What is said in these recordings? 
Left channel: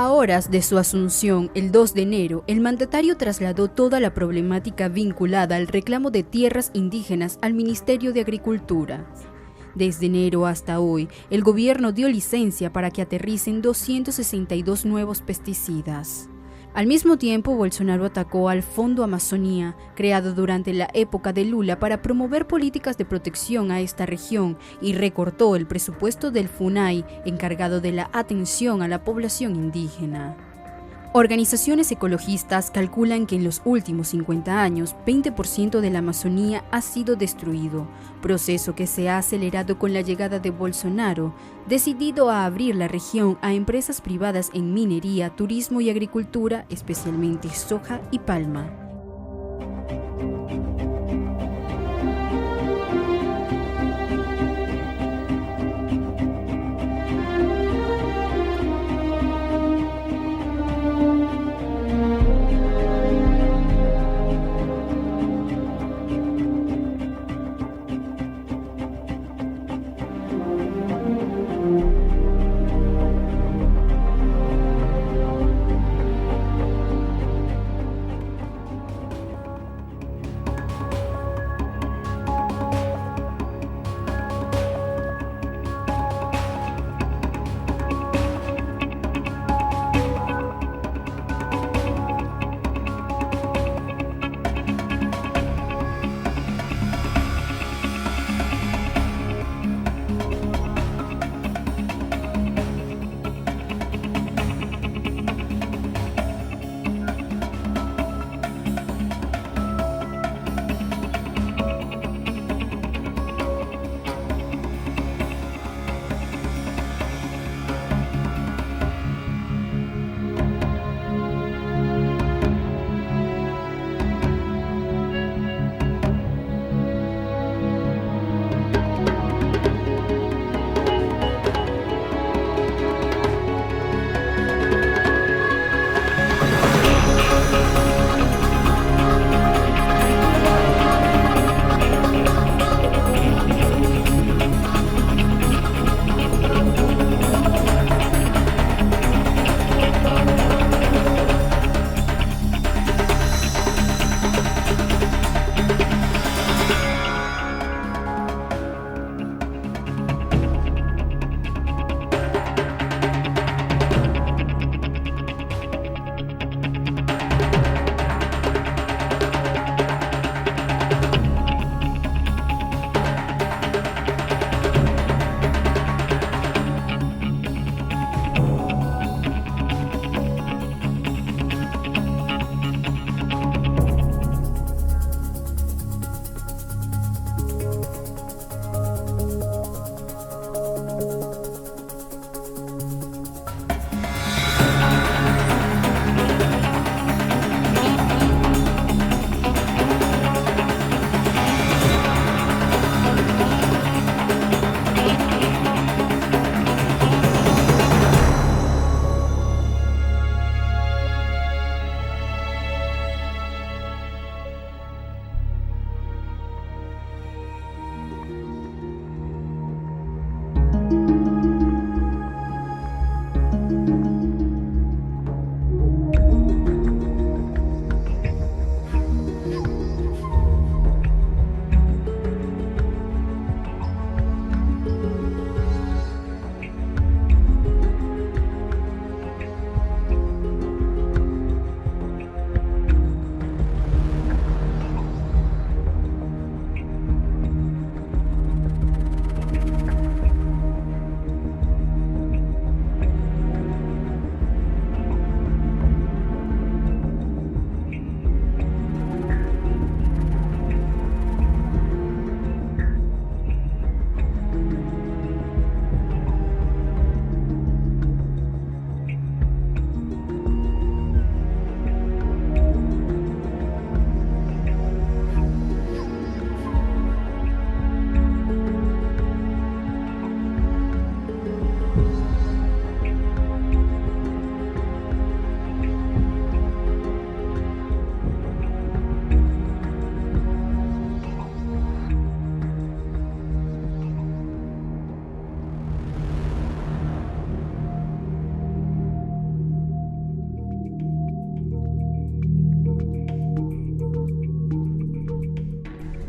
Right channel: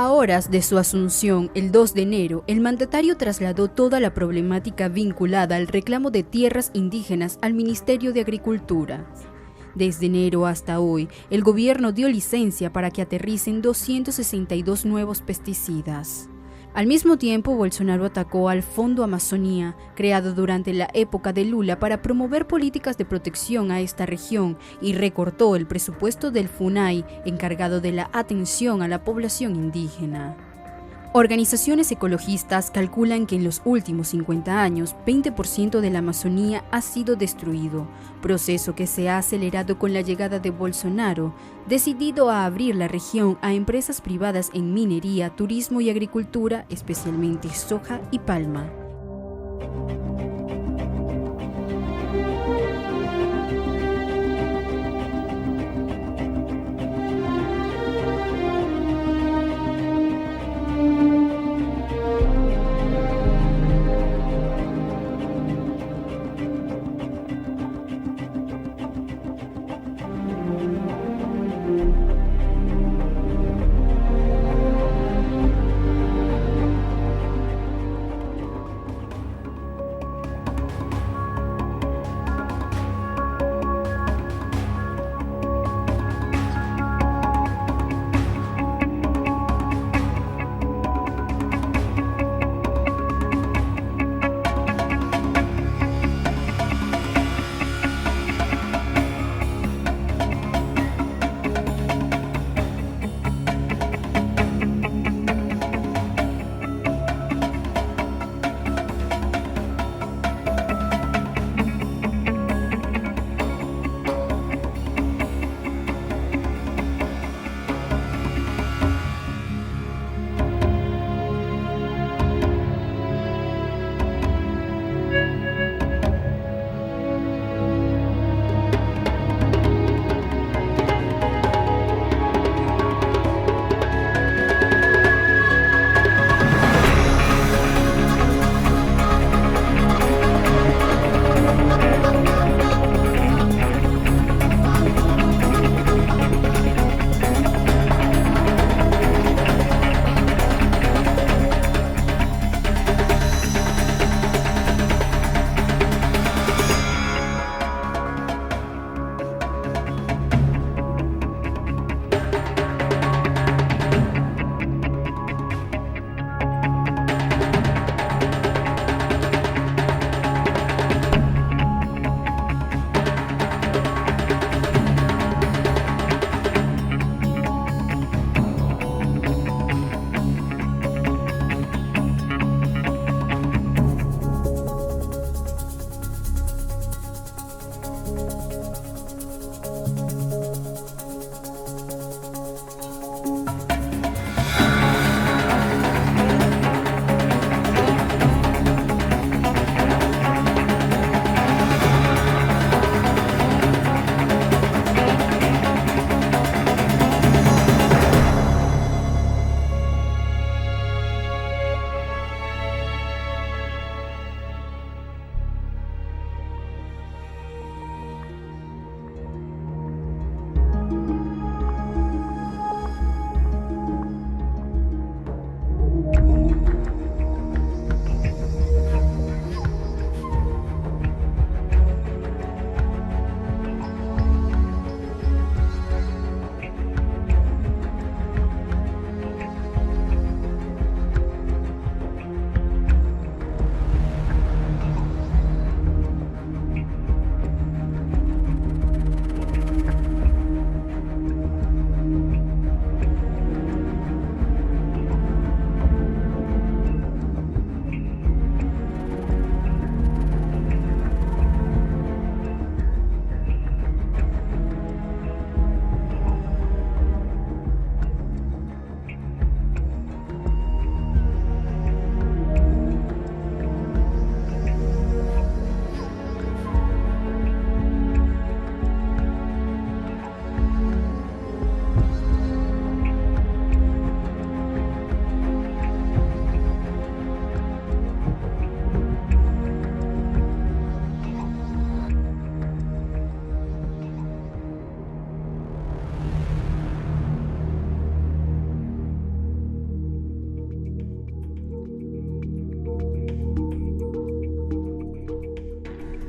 A horas de su asunción, el 2 de enero, el mandatario trasladó toda la problemática vinculada al reclamo de tierras indígenas al Ministerio de Agricultura. Desde enero hasta hoy, el gobierno dio licencia para que aterricen 262 nuevos pesticidas. Al mismo tiempo, Bolsonaro atacó al Fondo Amazonía, creado durante la época de Lula para promover políticas de protección a esta región, y recortó el presupuesto del FUNAI, encargado de la atención a la población indígena. Organizaciones ecologistas calculan que en los últimos 50 años, 20% de la Amazonía ha sido destruido, proceso que se ha acelerado con la llegada de Bolsonaro, decidido a abrir la región a empresas privadas en minería, turismo y agricultura, especialmente soja y palma.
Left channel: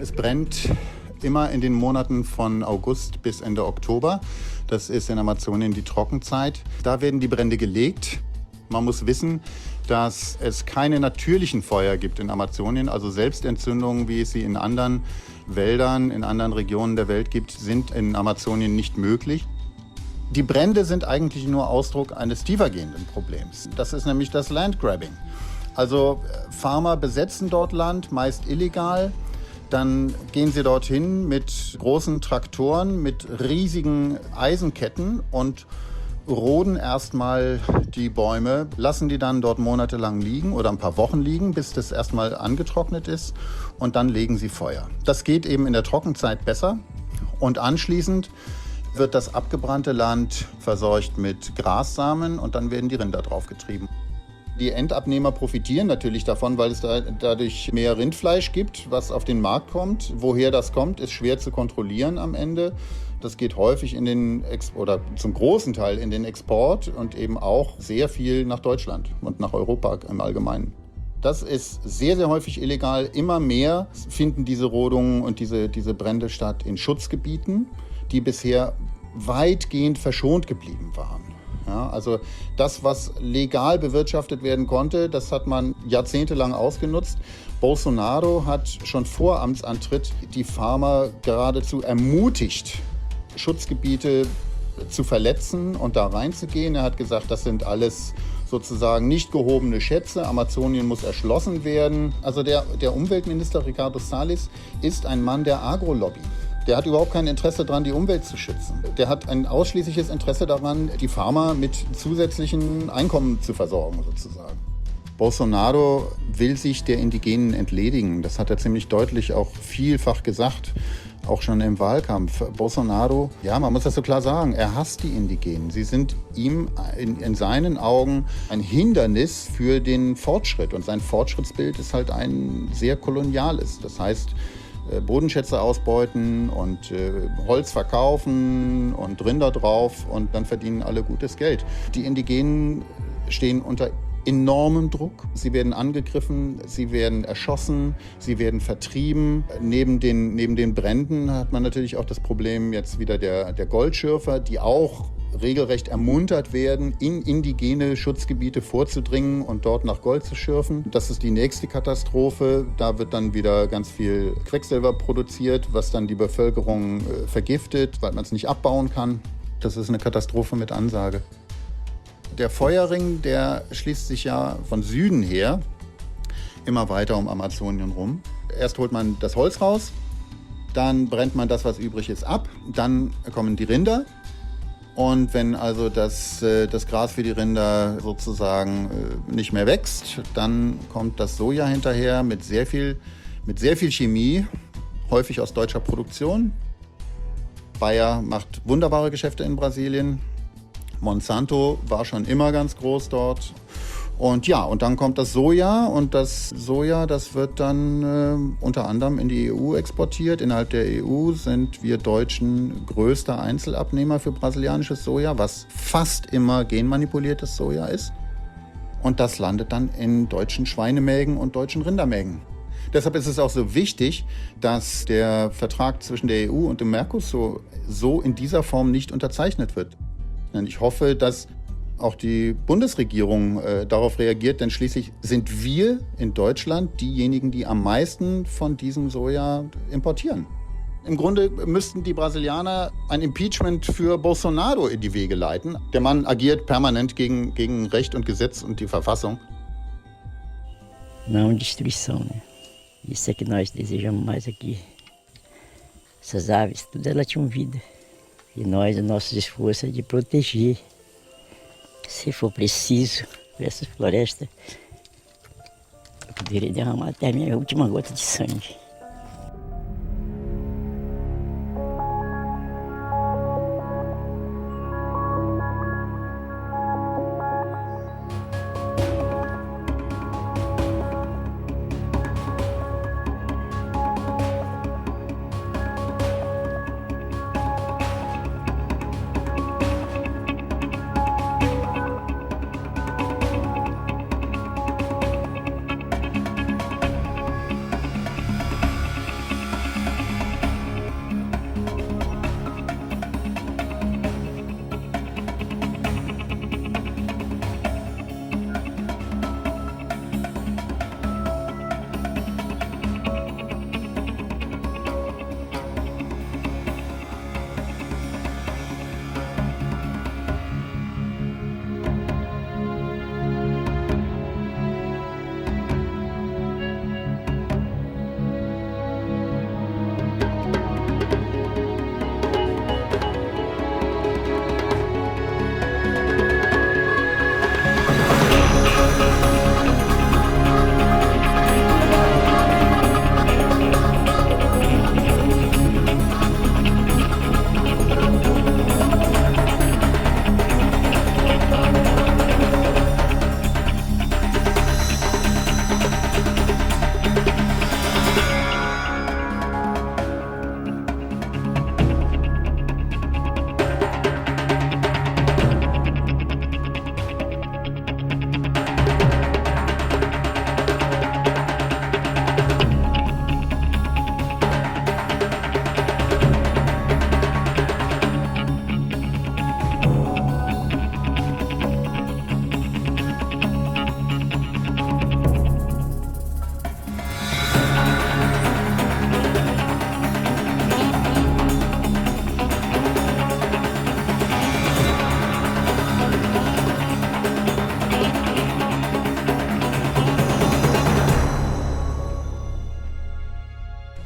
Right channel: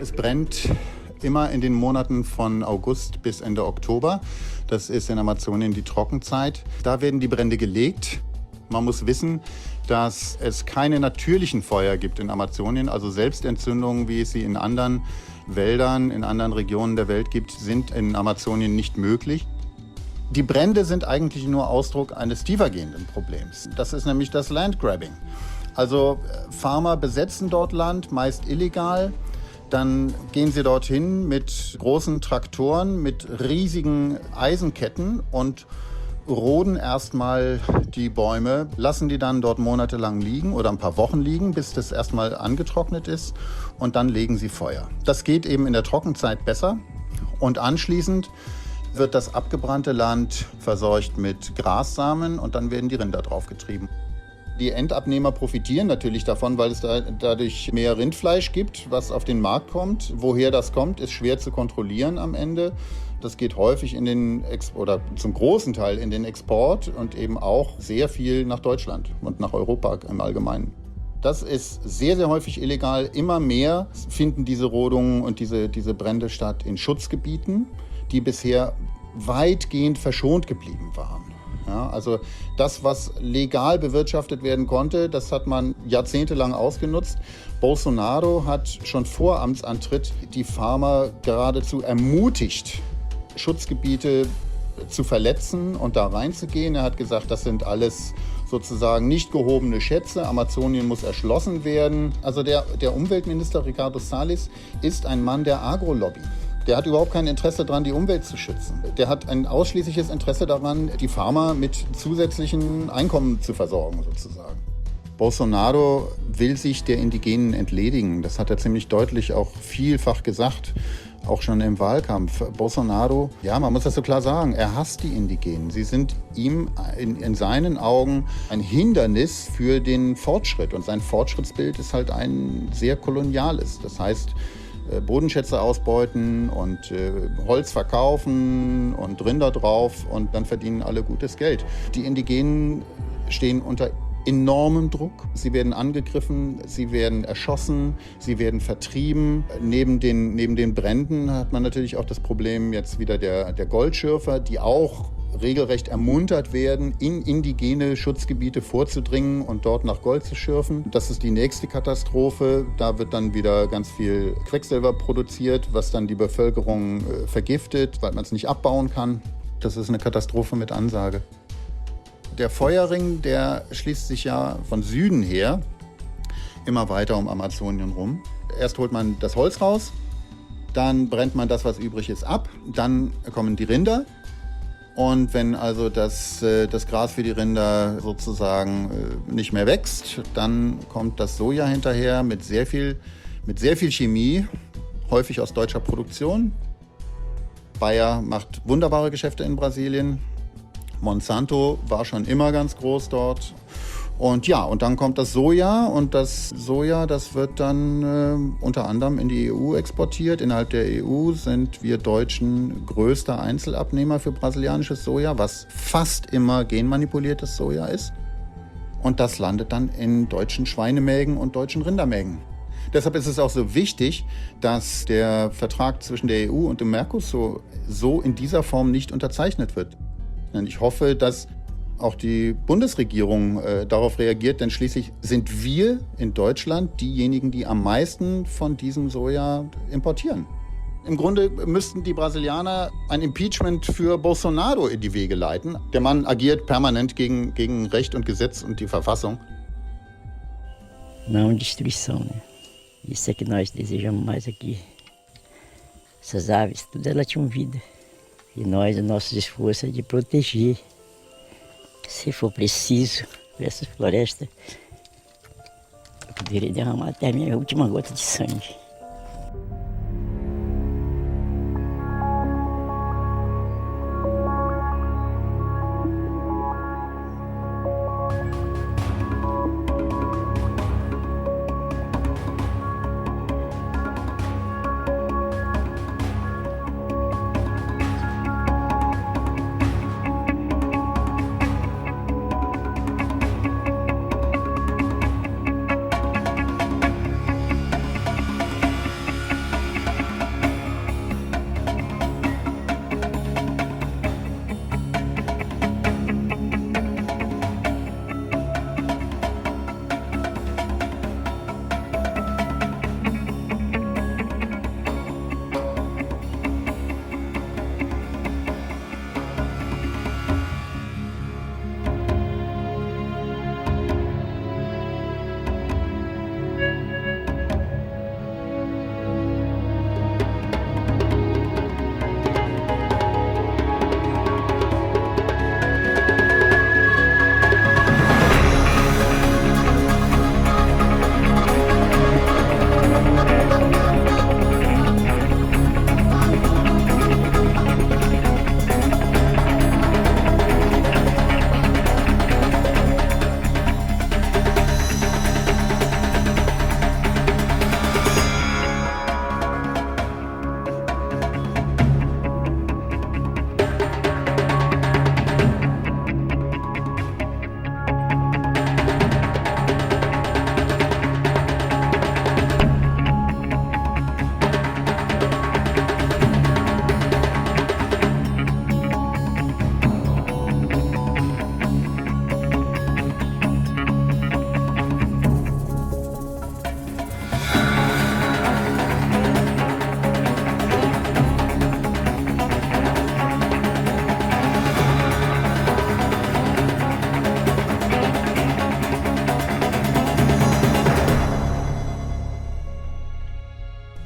Es brennt immer in den Monaten von August bis Ende Oktober. Das ist in Amazonien die Trockenzeit. Da werden die Brände gelegt. Man muss wissen, dass es keine natürlichen Feuer gibt in Amazonien. Also Selbstentzündungen, wie es sie in anderen Wäldern, in anderen Regionen der Welt gibt, sind in Amazonien nicht möglich. Die Brände sind eigentlich nur Ausdruck eines tiefergehenden Problems. Das ist nämlich das Landgrabbing. Also Farmer besetzen dort Land, meist illegal. Dann gehen sie dorthin mit großen Traktoren, mit riesigen Eisenketten und roden erstmal die Bäume, lassen die dann dort monatelang liegen oder ein paar Wochen liegen, bis das erstmal angetrocknet ist, und dann legen sie Feuer. Das geht eben in der Trockenzeit besser, und anschließend wird das abgebrannte Land verseucht mit Grassamen und dann werden die Rinder draufgetrieben. Die Endabnehmer profitieren natürlich davon, weil es dadurch mehr Rindfleisch gibt, was auf den Markt kommt. Woher das kommt, ist schwer zu kontrollieren am Ende. Das geht häufig oder zum großen Teil in den Export und eben auch sehr viel nach Deutschland und nach Europa im Allgemeinen. Das ist sehr, sehr häufig illegal. Immer mehr finden diese Rodungen und diese Brände statt in Schutzgebieten, die bisher weitgehend verschont geblieben waren. Ja, also das, was legal bewirtschaftet werden konnte, das hat man jahrzehntelang ausgenutzt. Bolsonaro hat schon vor Amtsantritt die Farmer geradezu ermutigt, Schutzgebiete zu verletzen und da reinzugehen. Er hat gesagt, das sind alles sozusagen nicht gehobene Schätze. Amazonien muss erschlossen werden. Also der Umweltminister Ricardo Salles ist ein Mann der Agrolobby. Der hat überhaupt kein Interesse daran, die Umwelt zu schützen. Der hat ein ausschließliches Interesse daran, die Farmer mit zusätzlichen Einkommen zu versorgen, sozusagen. Bolsonaro will sich der Indigenen entledigen. Das hat er ziemlich deutlich auch vielfach gesagt, auch schon im Wahlkampf. Bolsonaro, ja, man muss das so klar sagen, er hasst die Indigenen. Sie sind ihm in seinen Augen ein Hindernis für den Fortschritt. Und sein Fortschrittsbild ist halt ein sehr koloniales. Das heißt, Bodenschätze ausbeuten und Holz verkaufen und Rinder drauf, und dann verdienen alle gutes Geld. Die Indigenen stehen unter enormem Druck. Sie werden angegriffen, sie werden erschossen, sie werden vertrieben. Neben den Bränden hat man natürlich auch das Problem jetzt wieder der Goldschürfer, die auch regelrecht ermuntert werden, in indigene Schutzgebiete vorzudringen und dort nach Gold zu schürfen. Das ist die nächste Katastrophe. Da wird dann wieder ganz viel Quecksilber produziert, was dann die Bevölkerung vergiftet, weil man es nicht abbauen kann. Das ist eine Katastrophe mit Ansage. Der Feuerring, der schließt sich ja von Süden her immer weiter um Amazonien rum. Erst holt man das Holz raus, dann brennt man das, was übrig ist, ab. Dann kommen die Rinder. Und wenn also das Gras für die Rinder sozusagen nicht mehr wächst, dann kommt das Soja hinterher mit sehr viel Chemie, häufig aus deutscher Produktion. Bayer macht wunderbare Geschäfte in Brasilien. Monsanto war schon immer ganz groß dort. Und ja, und dann kommt das Soja, und das Soja, das wird dann unter anderem in die EU exportiert. Innerhalb der EU sind wir Deutschen größter Einzelabnehmer für brasilianisches Soja, was fast immer genmanipuliertes Soja ist. Und das landet dann in deutschen Schweinemägen und deutschen Rindermägen. Deshalb ist es auch so wichtig, dass der Vertrag zwischen der EU und dem Mercosur so in dieser Form nicht unterzeichnet wird. Und ich hoffe, dass auch die Bundesregierung darauf reagiert, denn schließlich sind wir in Deutschland diejenigen, die am meisten von diesem Soja importieren. Im Grunde müssten die Brasilianer ein Impeachment für Bolsonaro in die Wege leiten. Der Mann agiert permanent gegen Recht und Gesetz und die Verfassung. Não destruição, né? Isso é que nós desejamos mais aqui. Essas aves, tudo elas tinham vida. E nós, o nosso esforço é de proteger. Se for preciso, por essa floresta, eu poderia derramar até a minha última gota de sangue.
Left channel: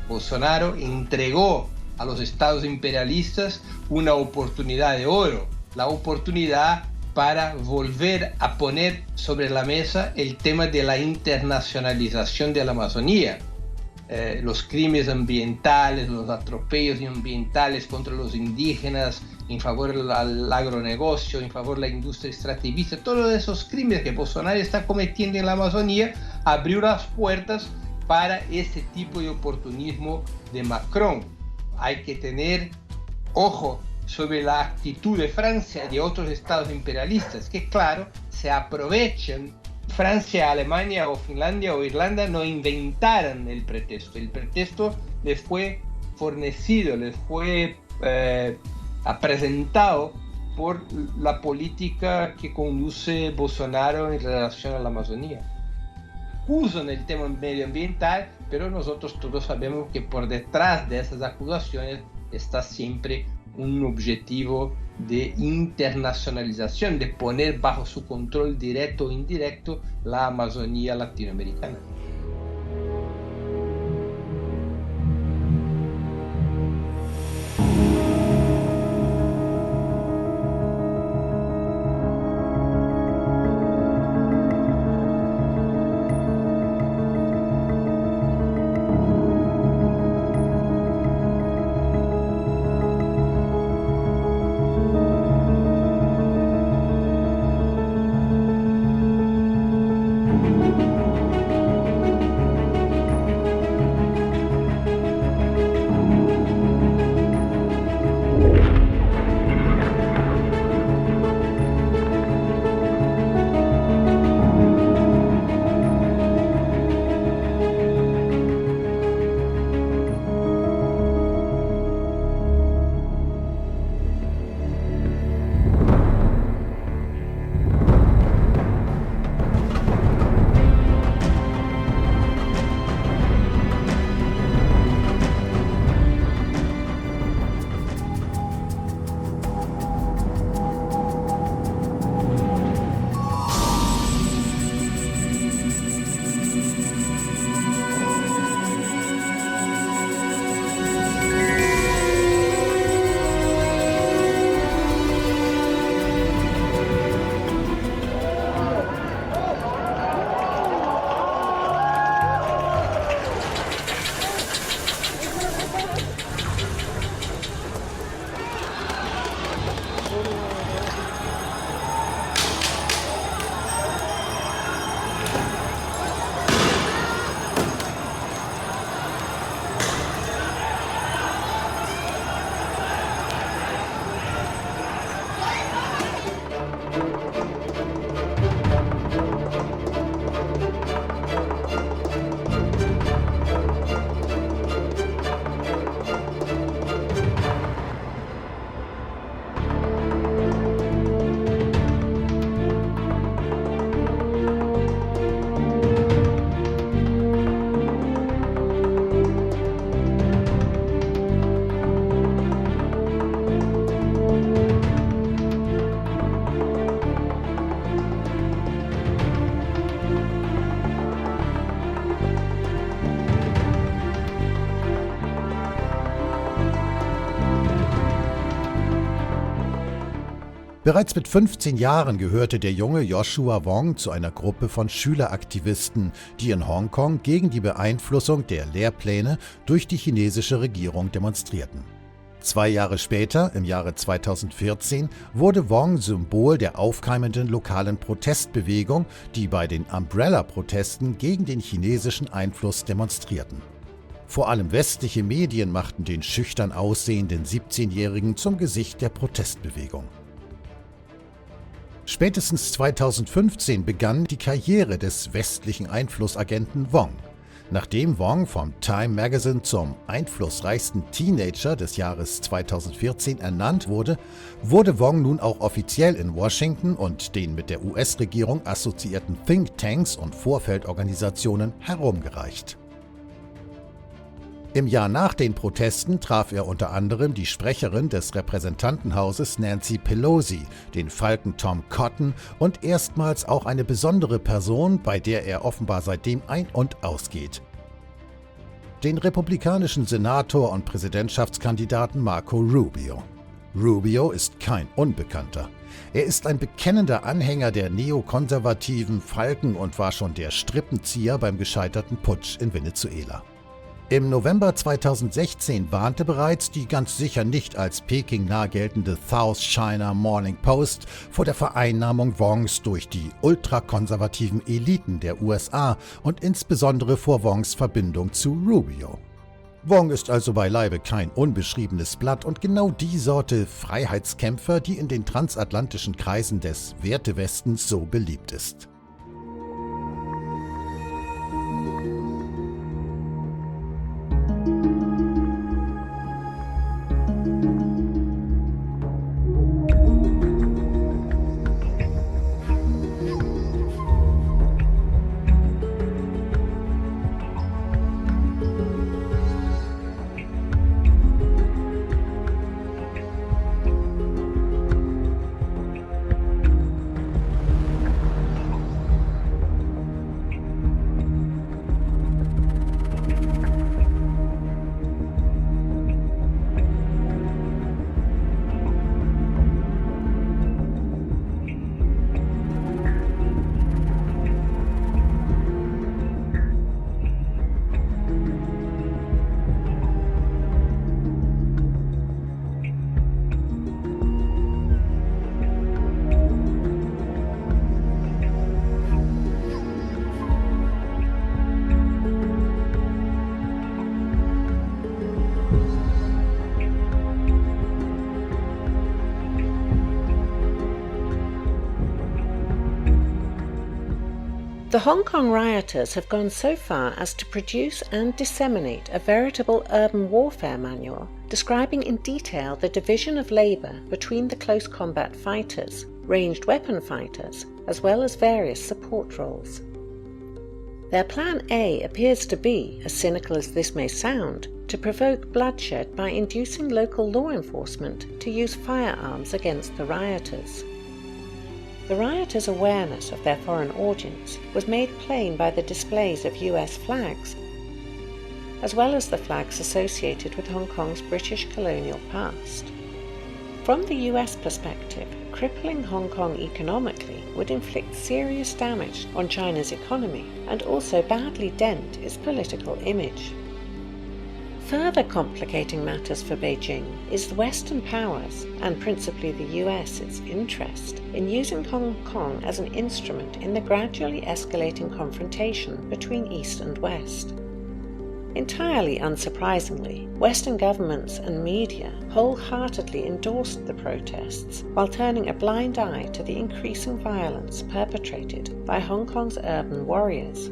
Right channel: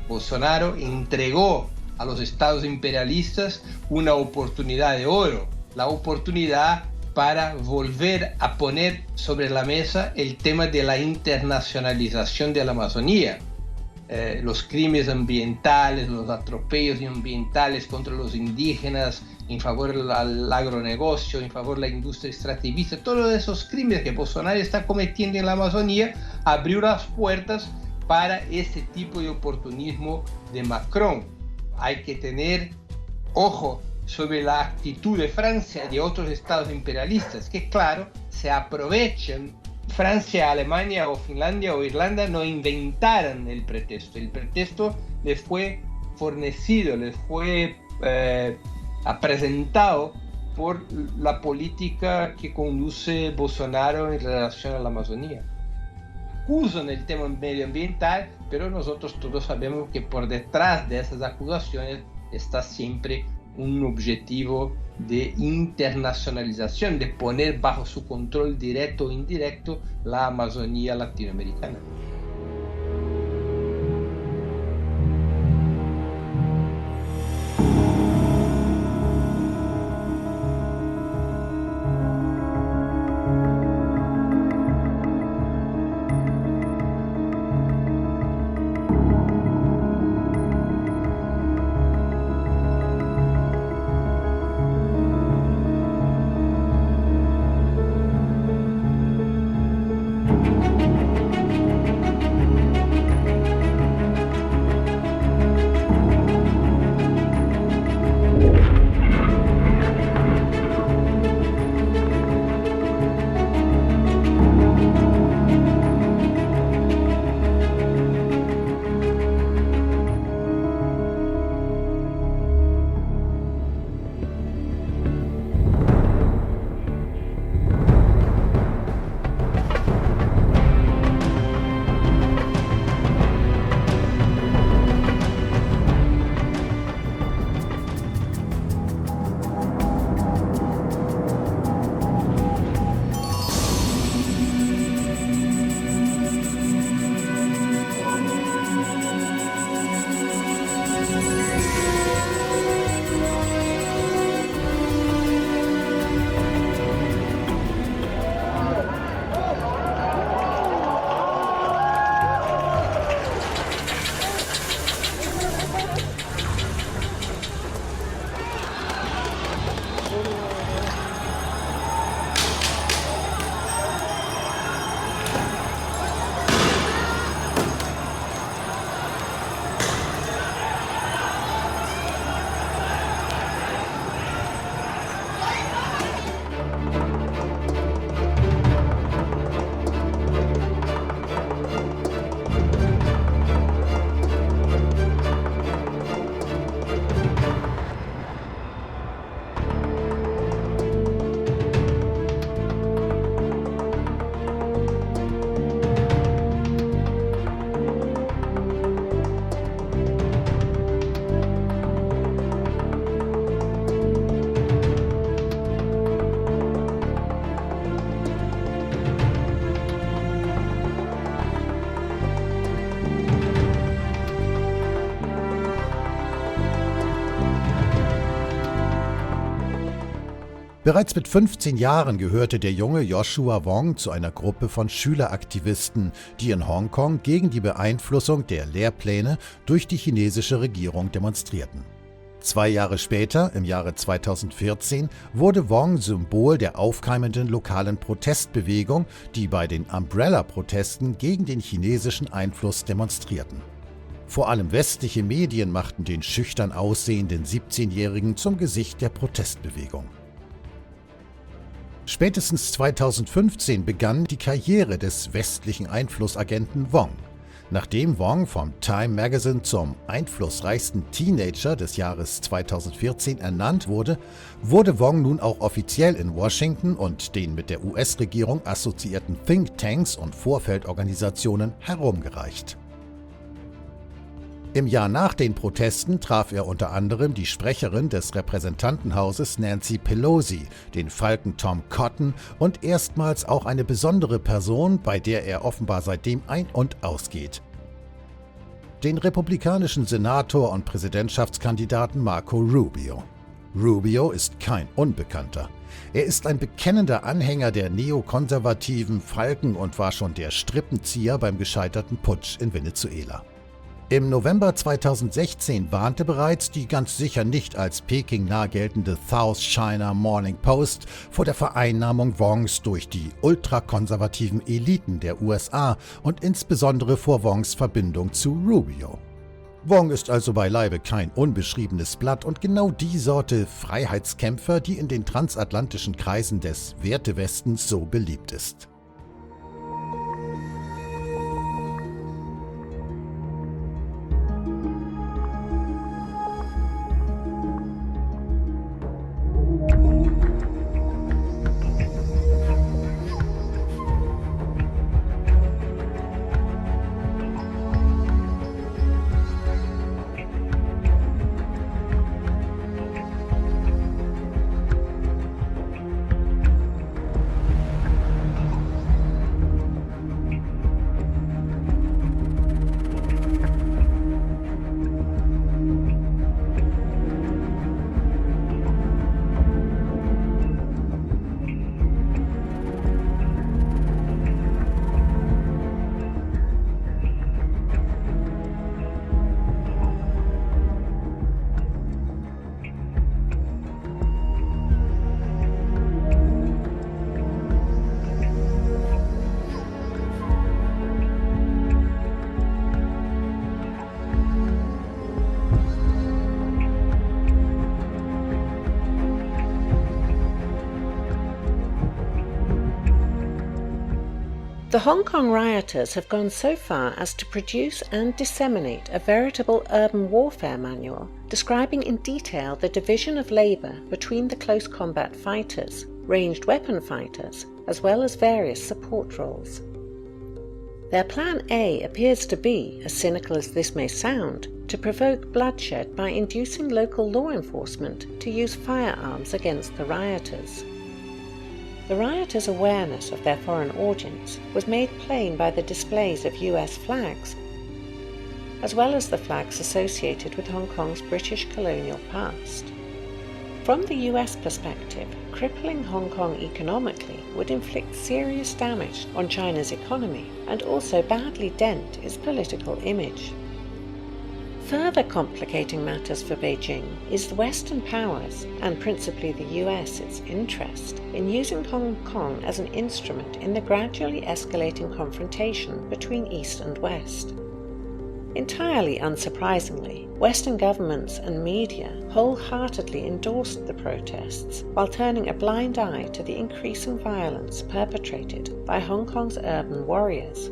Bolsonaro entregó a los estados imperialistas una oportunidad de oro, la oportunidad para volver a poner sobre la mesa el tema de la internacionalización de la Amazonía. Los crímenes ambientales, los atropellos ambientales contra los indígenas, en favor del agronegocio, en favor de la industria extractivista, todos esos crímenes que Bolsonaro está cometiendo en la Amazonía, abrió las puertas para ese tipo de oportunismo de Macron. Hay que tener ojo sobre la actitud de Francia y de otros estados imperialistas, que claro, se aprovechan. Francia, Alemania o Finlandia o Irlanda no inventaron el pretexto les fue fornecido, les fue presentado por la política que conduce Bolsonaro en relación a la Amazonía. Acusan el tema medioambiental, pero nosotros todos sabemos que por detrás de esas acusaciones está siempre un objetivo de internacionalización, de poner bajo su control directo o indirecto la Amazonía latinoamericana. Bereits mit 15 Jahren gehörte der junge Joshua Wong zu einer Gruppe von Schüleraktivisten, die in Hongkong gegen die Beeinflussung der Lehrpläne durch die chinesische Regierung demonstrierten. 2 Jahre später, im Jahre 2014, wurde Wong Symbol der aufkeimenden lokalen Protestbewegung, die bei den Umbrella-Protesten gegen den chinesischen Einfluss demonstrierten. Vor allem westliche Medien machten den schüchtern aussehenden 17-Jährigen zum Gesicht der Protestbewegung. Spätestens 2015 begann die Karriere des westlichen Einflussagenten Wong. Nachdem Wong vom Time Magazine zum einflussreichsten Teenager des Jahres 2014 ernannt wurde, wurde Wong nun auch offiziell in Washington und den mit der US-Regierung assoziierten Thinktanks und Vorfeldorganisationen herumgereicht. Im Jahr nach den Protesten traf er unter anderem die Sprecherin des Repräsentantenhauses Nancy Pelosi, den Falken Tom Cotton und erstmals auch eine besondere Person, bei der er offenbar seitdem ein- und ausgeht. den republikanischen Senator und Präsidentschaftskandidaten Marco Rubio. Rubio ist kein Unbekannter. Er ist ein bekennender Anhänger der neokonservativen Falken und war schon der Strippenzieher beim gescheiterten Putsch in Venezuela. Im November 2016 warnte bereits die ganz sicher nicht als Peking nahe geltende South China Morning Post vor der Vereinnahmung Wongs durch die ultrakonservativen Eliten der USA und insbesondere vor Wongs Verbindung zu Rubio. Wong ist also beileibe kein unbeschriebenes Blatt und genau die Sorte Freiheitskämpfer, die in den transatlantischen Kreisen des Wertewestens so beliebt ist. The Hong Kong rioters have gone so far as to produce and disseminate a veritable urban warfare manual describing in detail the division of labour between the close combat fighters, ranged weapon fighters, as well as various support roles. Their plan A appears to be, as cynical as this may sound, to provoke bloodshed by inducing local law enforcement to use firearms against the rioters. The rioters' awareness of their foreign audience was made plain by the displays of US flags, as well as the flags associated with Hong Kong's British colonial past. From the US perspective, crippling Hong Kong economically would inflict serious damage on China's economy and also badly dent its political image. Further complicating matters for Beijing is the Western powers, and principally the US's interest, in using Hong Kong as an instrument in the gradually escalating confrontation between East and West. Entirely unsurprisingly, Western governments and media wholeheartedly endorsed the protests while turning a blind eye to the increasing violence perpetrated by Hong Kong's urban warriors.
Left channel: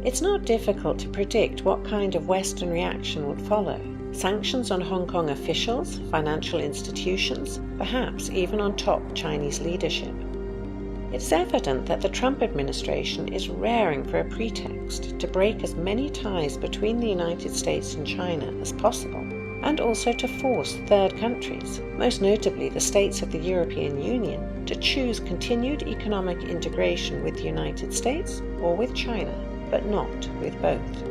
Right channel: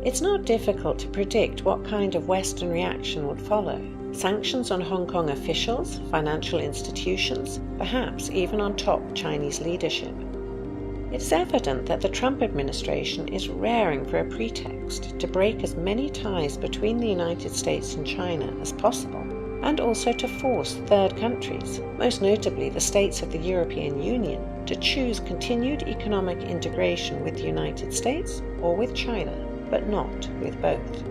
It's not difficult to predict what kind of Western reaction would follow. Sanctions on Hong Kong officials, financial institutions, perhaps even on top Chinese leadership. It's evident that the Trump administration is raring for a pretext to break as many ties between the United States and China as possible, and also to force third countries, most notably the states of the European Union, to choose continued economic integration with the United States or with China, but not with both.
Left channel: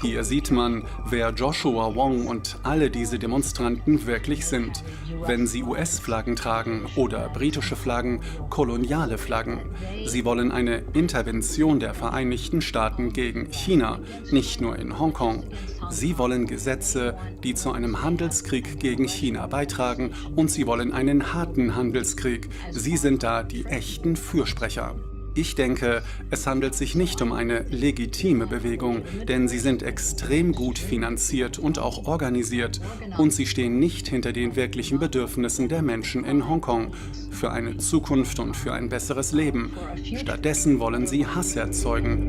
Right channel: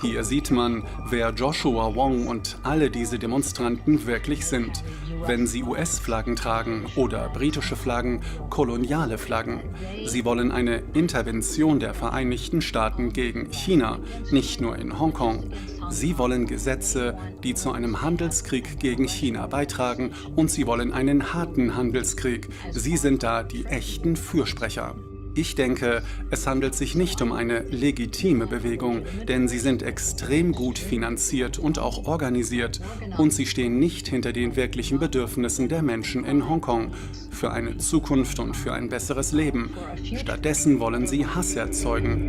Hier sieht man, wer Joshua Wong und alle diese Demonstranten wirklich sind, wenn sie US-Flaggen tragen oder britische Flaggen, koloniale Flaggen. Sie wollen eine Intervention der Vereinigten Staaten gegen China, nicht nur in Hongkong. Sie wollen Gesetze, die zu einem Handelskrieg gegen China beitragen, und sie wollen einen harten Handelskrieg. Sie sind da die echten Fürsprecher. Ich denke, es handelt sich nicht um eine legitime Bewegung, denn sie sind extrem gut finanziert und auch organisiert und sie stehen nicht hinter den wirklichen Bedürfnissen der Menschen in Hongkong für eine Zukunft und für ein besseres Leben. Stattdessen wollen sie Hass erzeugen.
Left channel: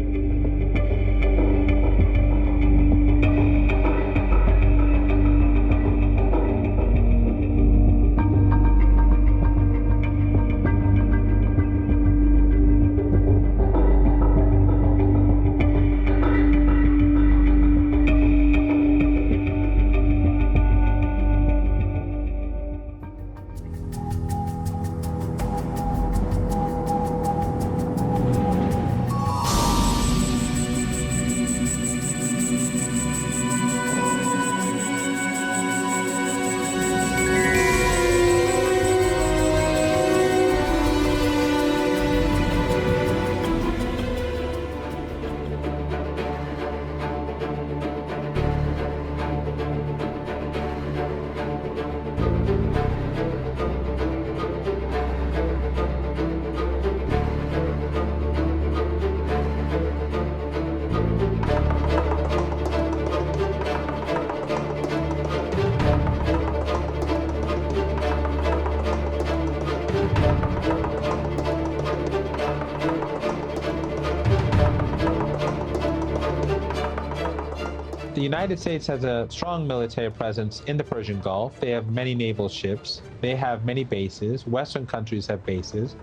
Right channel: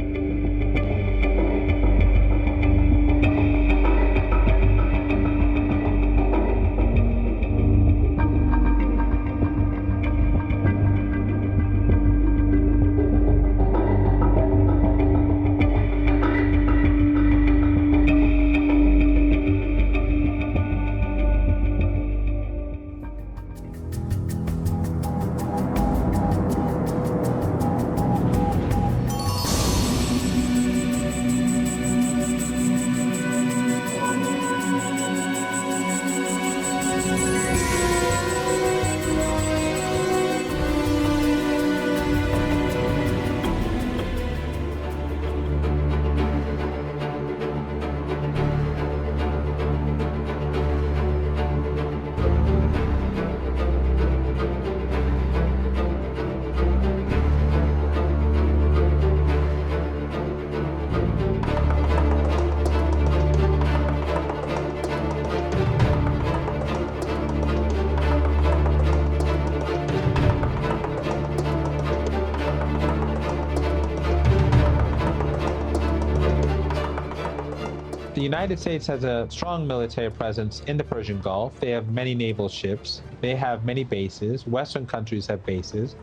The United States has a strong military presence in the Persian Gulf. They have many naval ships. They have many bases. Western countries have bases.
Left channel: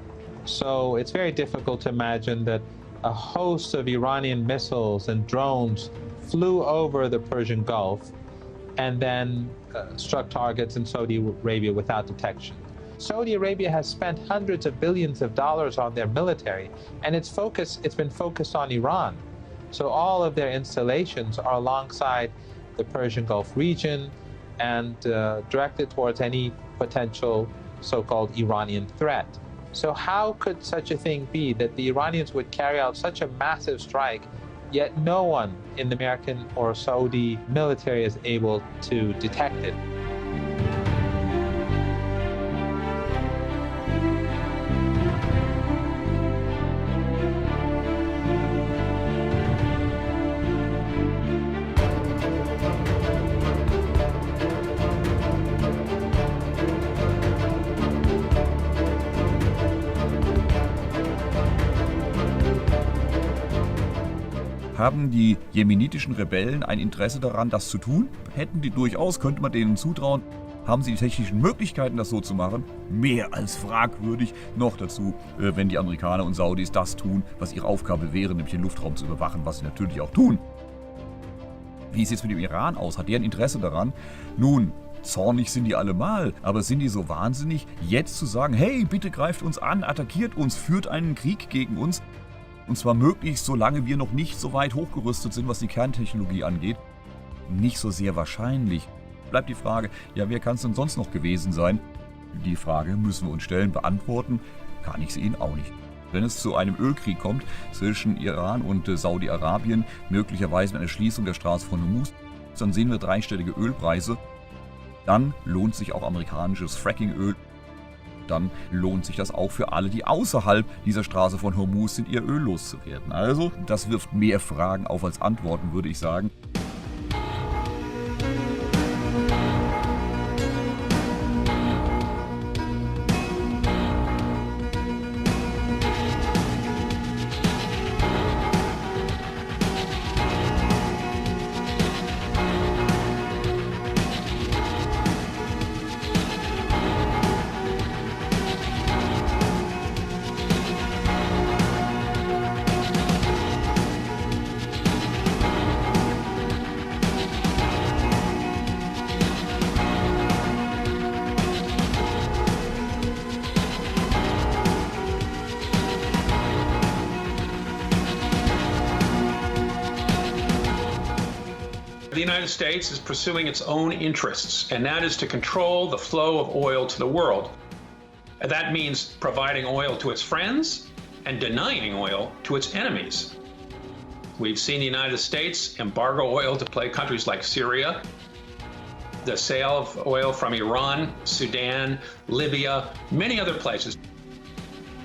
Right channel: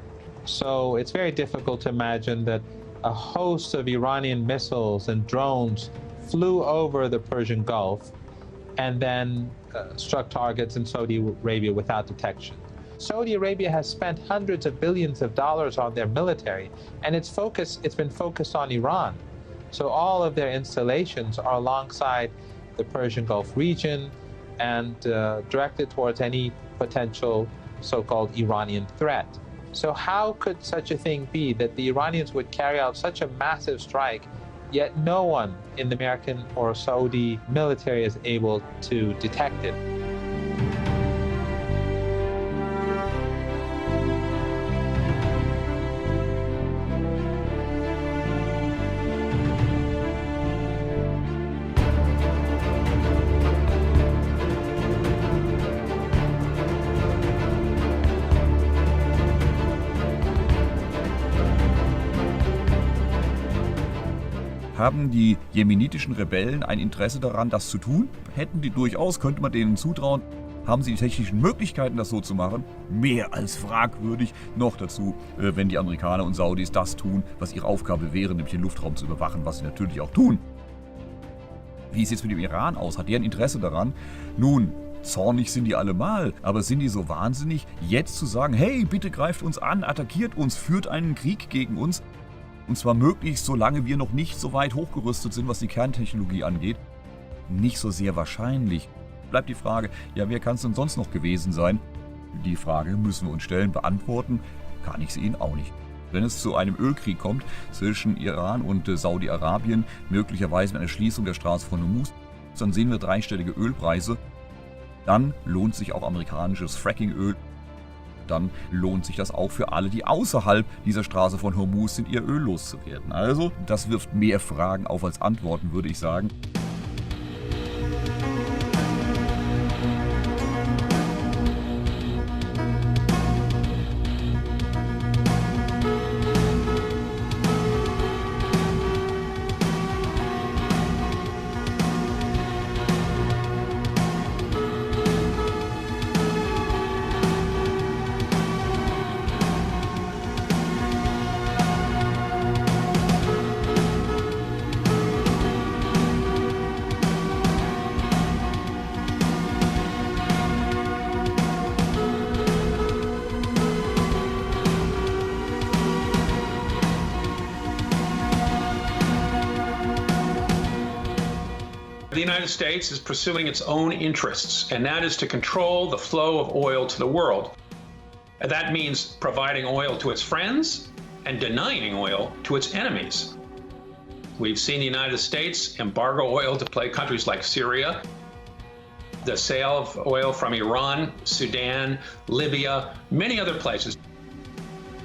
So it's very difficult to imagine that a host of Iranian missiles and drones flew over the Persian Gulf and then struck targets in Saudi Arabia without detection. Saudi Arabia has spent hundreds of billions of dollars on their military, and it's been focused on Iran. So all of their installations are alongside the Persian Gulf region and directed towards any potential so-called Iranian threat. So how could such a thing be that the Iranians would carry out such a massive strike, yet no one in the American or Saudi military is able to detect it? Haben die jemenitischen Rebellen ein Interesse daran, das zu tun? Hätten die durchaus, könnte man denen zutrauen. Haben sie die technischen Möglichkeiten, das so zu machen? Mehr als fragwürdig. Noch dazu, wenn die Amerikaner und Saudis das tun, was ihre Aufgabe wäre, nämlich den Luftraum zu überwachen, was sie natürlich auch tun. Wie sieht es mit dem Iran aus? Hat der ein Interesse daran? Nun, zornig sind die allemal, aber sind die so wahnsinnig, jetzt zu sagen, hey, bitte greift uns an, attackiert uns, führt einen Krieg gegen uns? Und zwar möglichst, solange wir noch nicht so weit hochgerüstet sind, was die Kerntechnologie angeht. Nicht so sehr wahrscheinlich. Bleibt die Frage, ja, wer kann es denn sonst noch gewesen sein? Die Frage müssen wir uns stellen, beantworten kann ich sie Ihnen auch nicht. Wenn es zu einem Ölkrieg kommt zwischen Iran und Saudi-Arabien, möglicherweise mit einer Schließung der Straße von Hormuz, dann sehen wir dreistellige Ölpreise. Dann lohnt sich auch amerikanisches Frackingöl. Dann lohnt sich das auch für alle, die außerhalb dieser Straße von Hormuz sind, ihr Öl loszuwerden. Also, das wirft mehr Fragen auf als Antworten, würde ich sagen. The United States is pursuing its own interests, and that is to control the flow of oil to the world. And that means providing oil to its friends and denying oil to its enemies. We've seen the United States embargo oil to countries like Syria, the sale of oil from Iran, Sudan, Libya, many other places.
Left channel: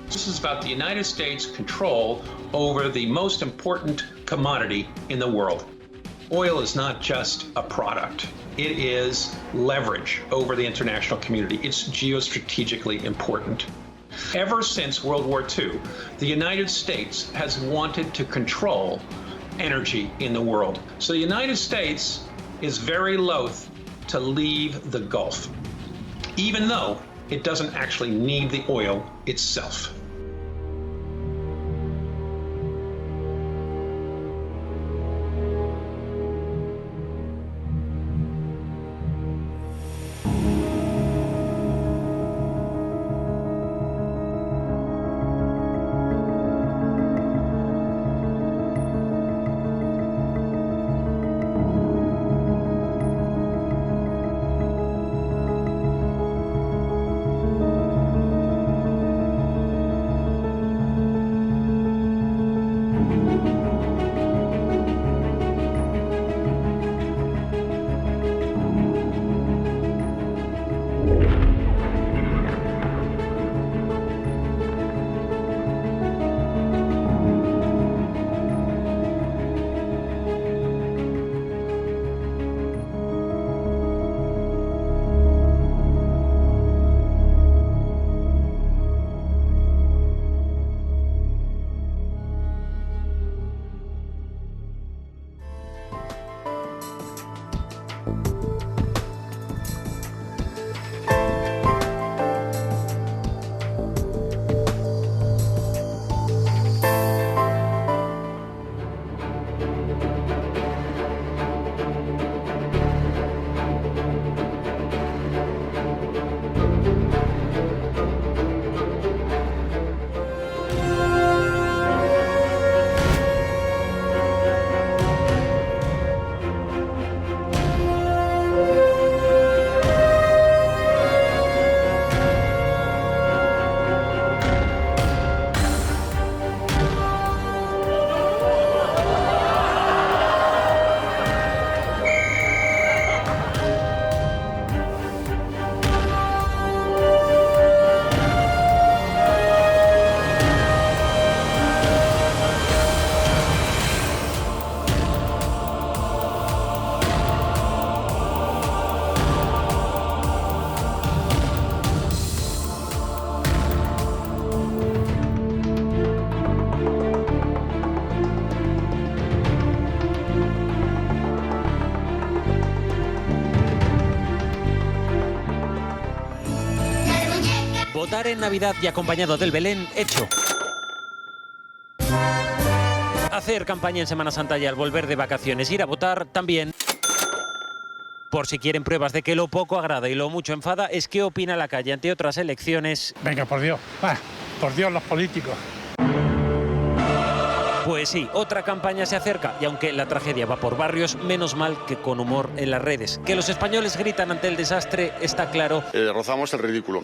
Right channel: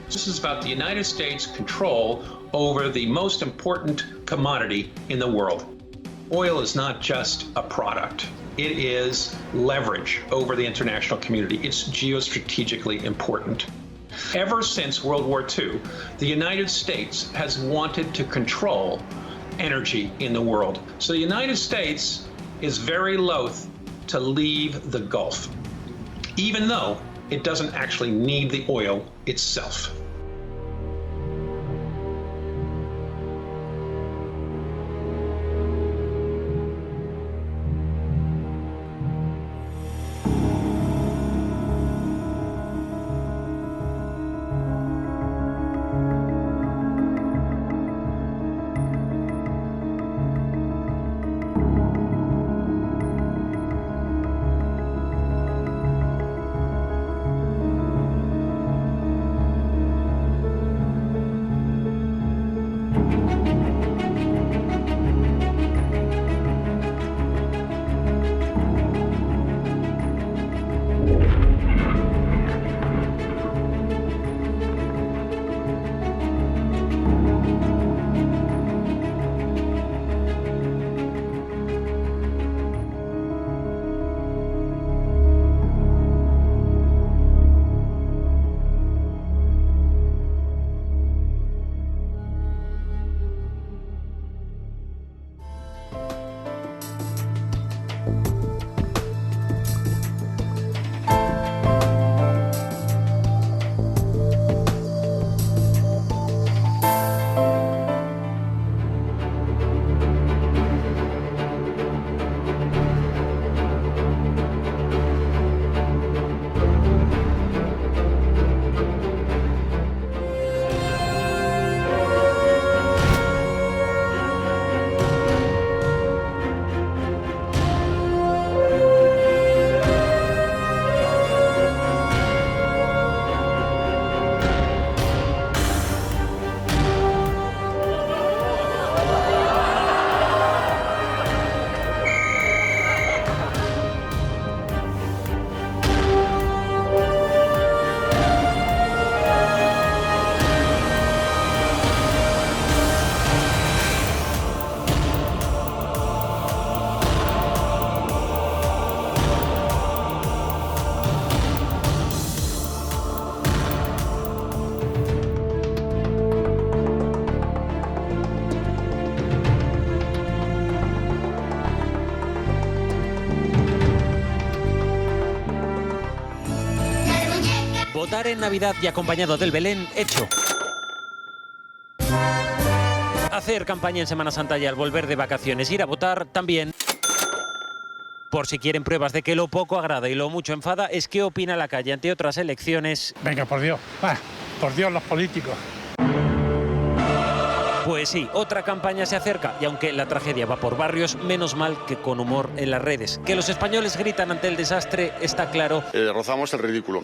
This is about the United States' control over the most important commodity in the world. Oil is not just a product. It is leverage over the international community. It's geostrategically important. Ever since World War II, the United States has wanted to control energy in the world. So the United States is very loath to leave the Gulf, even though it doesn't actually need the oil itself. Votar en Navidad y acompañado del Belén, hecho. Hacer campaña en Semana Santa y al volver de vacaciones, ir a votar también. Por si quieren pruebas de que lo poco agrada y lo mucho enfada, es qué opina la calle ante otras elecciones. Venga, por Dios, los políticos. Pues sí, otra campaña se acerca y aunque la tragedia va por barrios, menos mal que con humor en las redes. Que los españoles gritan ante el desastre está claro. Rozamos el ridículo.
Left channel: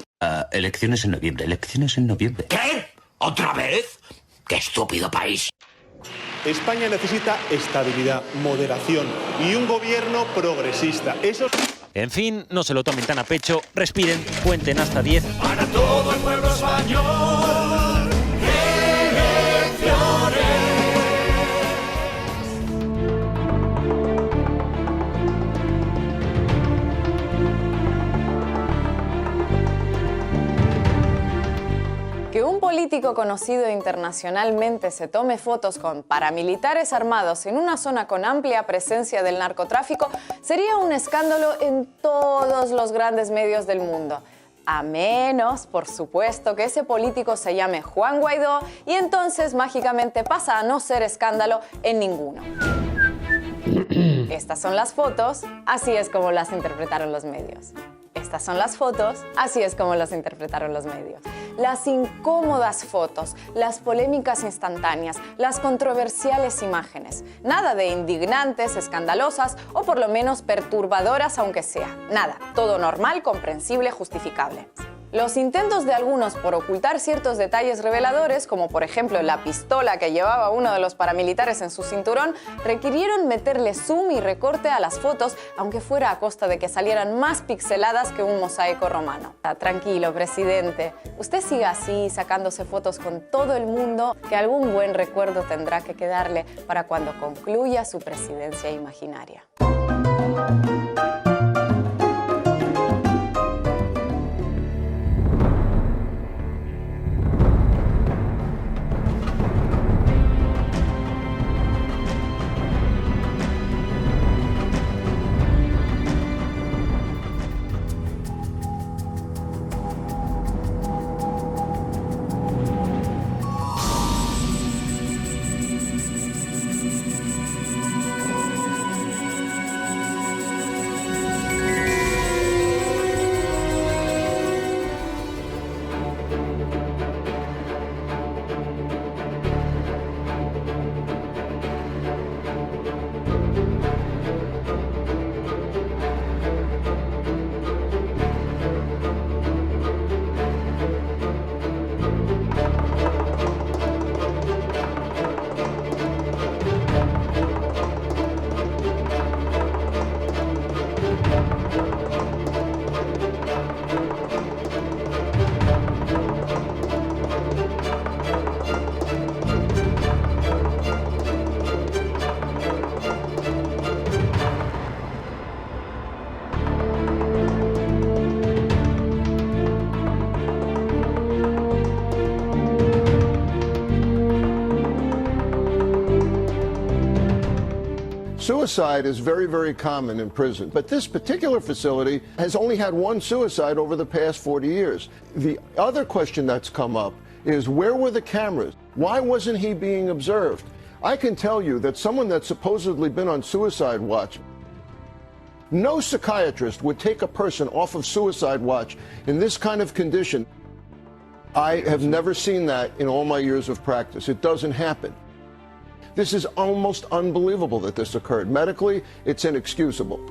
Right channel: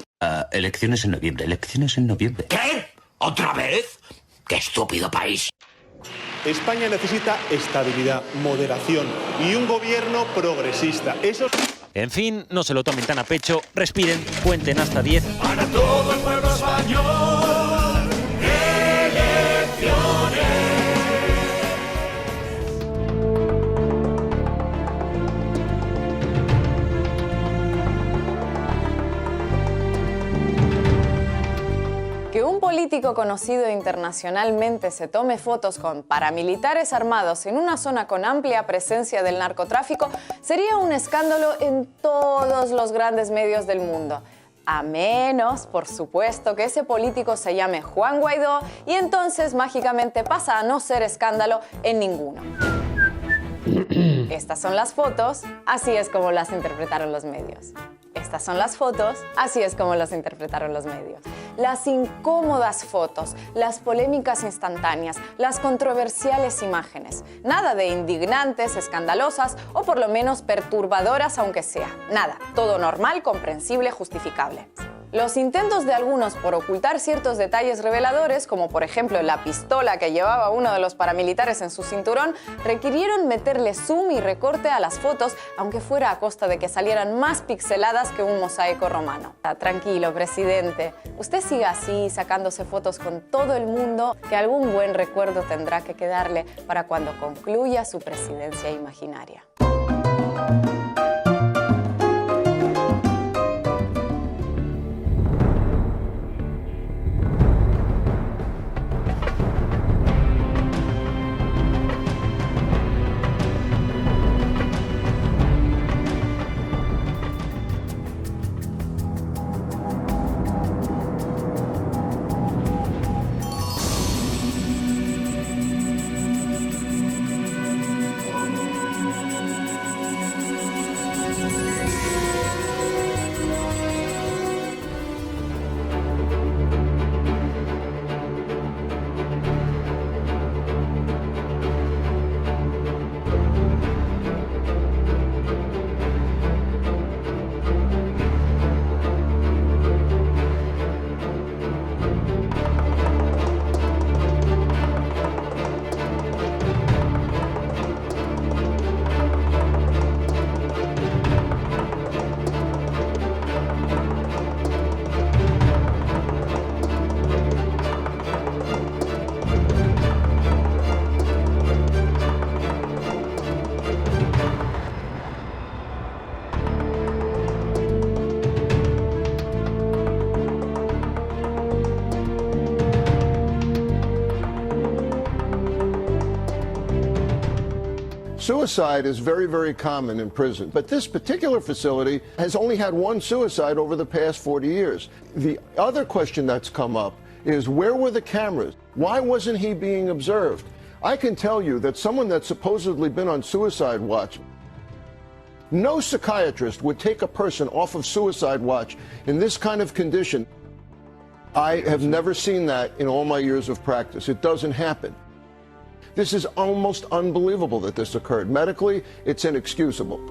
Elecciones en noviembre, elecciones en noviembre. ¿Qué? ¿Otra vez? ¡Qué estúpido país! España necesita estabilidad, moderación y un gobierno progresista. Eso... En fin, no se lo tomen tan a pecho, respiren, cuenten hasta 10. Para todo el pueblo español, elecciones. Que un político conocido internacionalmente se tome fotos con paramilitares armados en una zona con amplia presencia del narcotráfico sería un escándalo en todos los grandes medios del mundo. A menos, por supuesto, que ese político se llame Juan Guaidó y entonces mágicamente pasa a no ser escándalo en ninguno. Estas son las fotos, así es como las interpretaron los medios. Estas son las fotos, así es como las interpretaron los medios. Las incómodas fotos, las polémicas instantáneas, las controversiales imágenes. Nada de indignantes, escandalosas o por lo menos perturbadoras aunque sea. Nada, todo normal, comprensible, justificable. Los intentos de algunos por ocultar ciertos detalles reveladores, como por ejemplo la pistola que llevaba uno de los paramilitares en su cinturón, requirieron meterle zoom y recorte a las fotos, aunque fuera a costa de que salieran más pixeladas que un mosaico romano. Tranquilo, presidente. Usted siga así, sacándose fotos con todo el mundo, que algún buen recuerdo tendrá que quedarle para cuando concluya su presidencia imaginaria. Suicide is very, very common in prison, but this particular facility has only had one suicide over the past 40 years. The other question that's come up is, where were the cameras? Why wasn't he being observed? I can tell you that someone that's supposedly been on suicide watch, no psychiatrist would take a person off of suicide watch in this kind of condition. I have never seen that in all my years of practice. It doesn't happen. This is almost unbelievable that this occurred. Medically, it's inexcusable.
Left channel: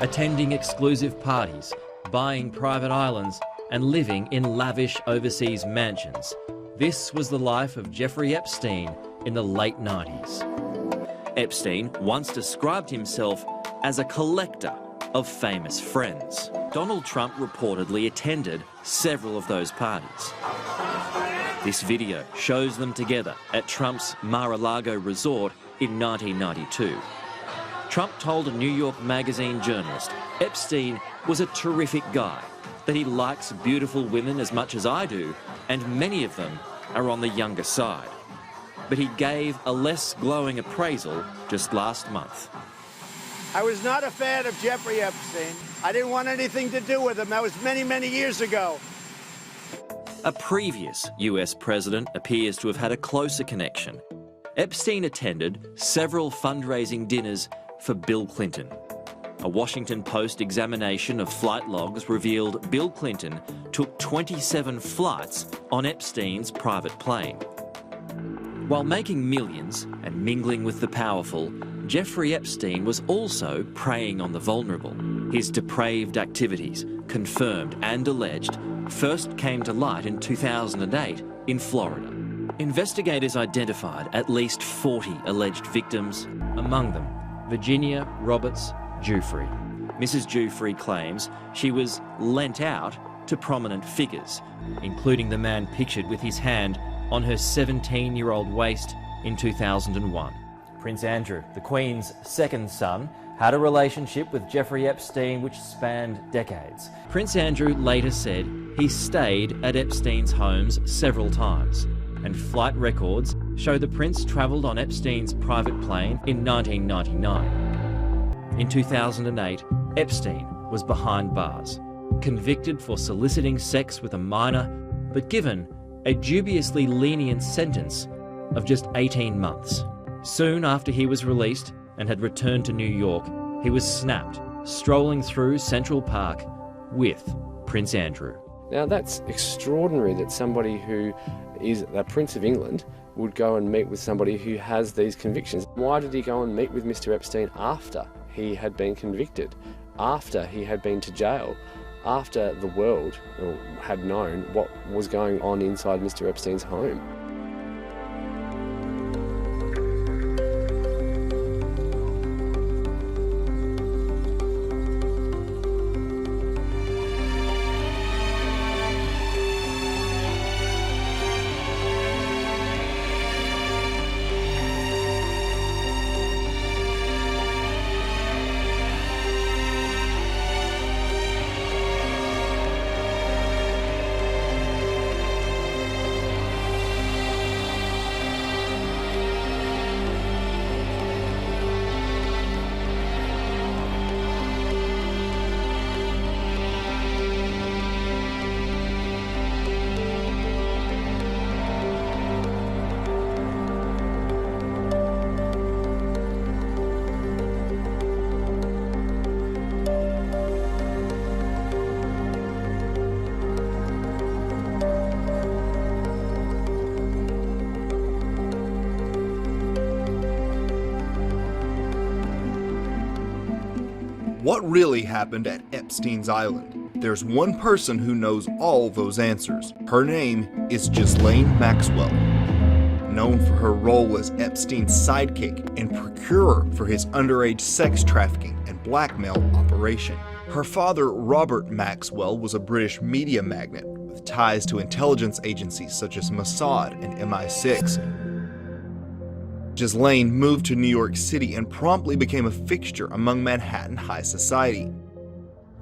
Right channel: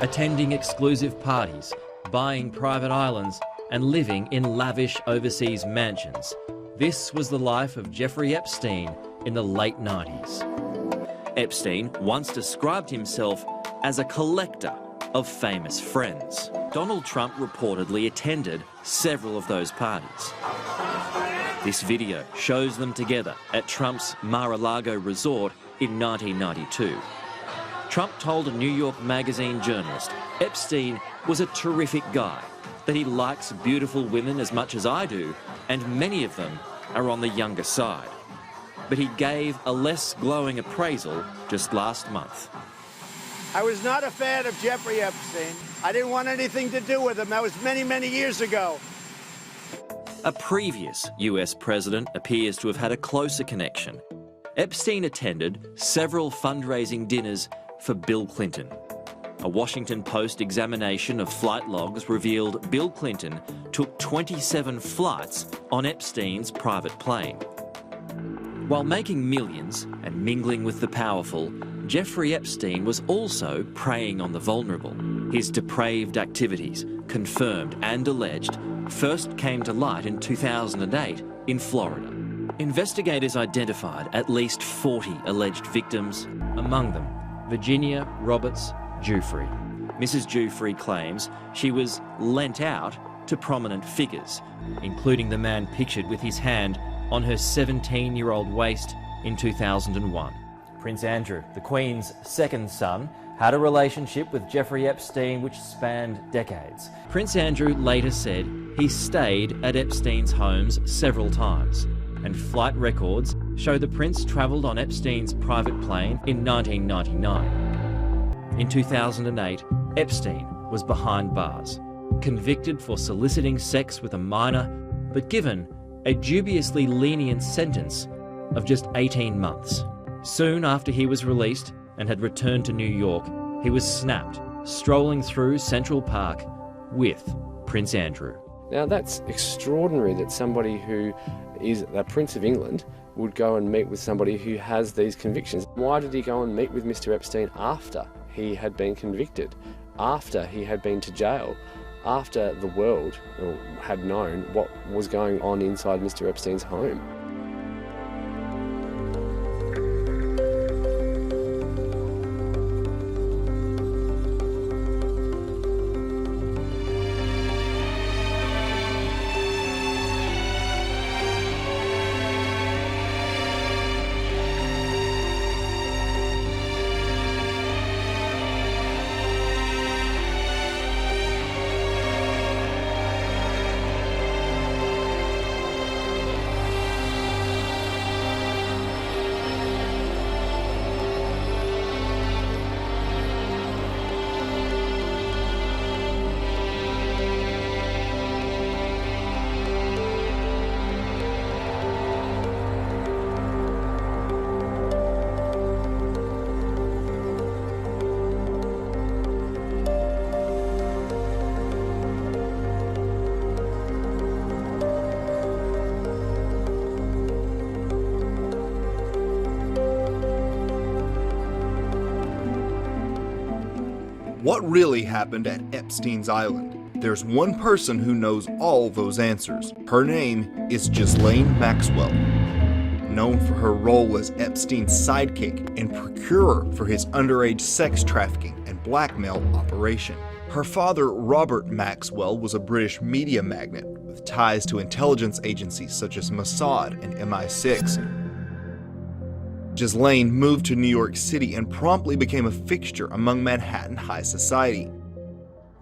Attending exclusive parties, buying private islands, and living in lavish overseas mansions. This was the life of Jeffrey Epstein in the late 90s. Epstein once described himself as a collector of famous friends. Donald Trump reportedly attended several of those parties. This video shows them together at Trump's Mar-a-Lago resort in 1992. Trump told a New York Magazine journalist Epstein was a terrific guy, that he likes beautiful women as much as I do, and many of them are on the younger side. But he gave a less glowing appraisal just last month. I was not a fan of Jeffrey Epstein. I didn't want anything to do with him. That was many, many years ago. A previous US president appears to have had a closer connection. Epstein attended several fundraising dinners for Bill Clinton. A Washington Post examination of flight logs revealed Bill Clinton took 27 flights on Epstein's private plane. While making millions and mingling with the powerful, Jeffrey Epstein was also preying on the vulnerable. His depraved activities, confirmed and alleged, first came to light in 2008 in Florida. Investigators identified at least 40 alleged victims, among them Virginia Roberts Giuffre. Mrs. Giuffre claims she was lent out to prominent figures, including the man pictured with his hand on her 17-year-old waist in 2001. Prince Andrew, the Queen's second son, had a relationship with Jeffrey Epstein which spanned decades. Prince Andrew later said he stayed at Epstein's homes several times, and flight records show the prince travelled on Epstein's private plane in 1999. In 2008, Epstein was behind bars, convicted for soliciting sex with a minor, but given a dubiously lenient sentence of just 18 months. Soon after he was released and had returned to New York, he was snapped, strolling through Central Park with Prince Andrew. Now that's extraordinary that somebody who is the Prince of England would go and meet with somebody who has these convictions. Why did he go and meet with Mr. Epstein after he had been convicted, after he had been to jail, after the world had known what was going on inside Mr. Epstein's home? What really happened at Epstein's Island? There's one person who knows all those answers. Her name is Ghislaine Maxwell. Known for her role as Epstein's sidekick and procurer for his underage sex trafficking and blackmail operation. Her father, Robert Maxwell, was a British media magnate with ties to intelligence agencies such as Mossad and MI6. Ghislaine moved to New York City and promptly became a fixture among Manhattan high society.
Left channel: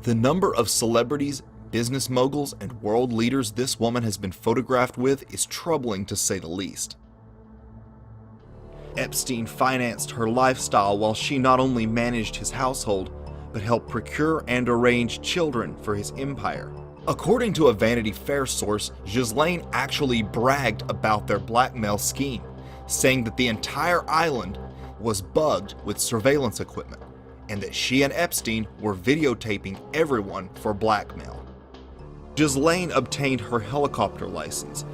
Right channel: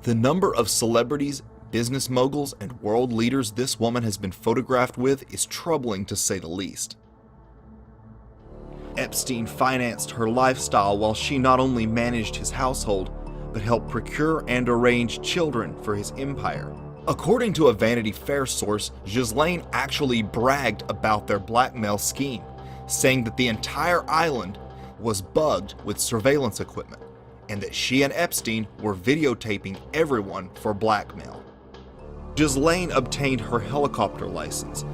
The number of celebrities, business moguls, and world leaders this woman has been photographed with is troubling to say the least. Epstein financed her lifestyle while she not only managed his household, but helped procure and arrange children for his empire. According to a Vanity Fair source, Ghislaine actually bragged about their blackmail scheme, saying that the entire island was bugged with surveillance equipment, and that she and Epstein were videotaping everyone for blackmail. Ghislaine obtained her helicopter license,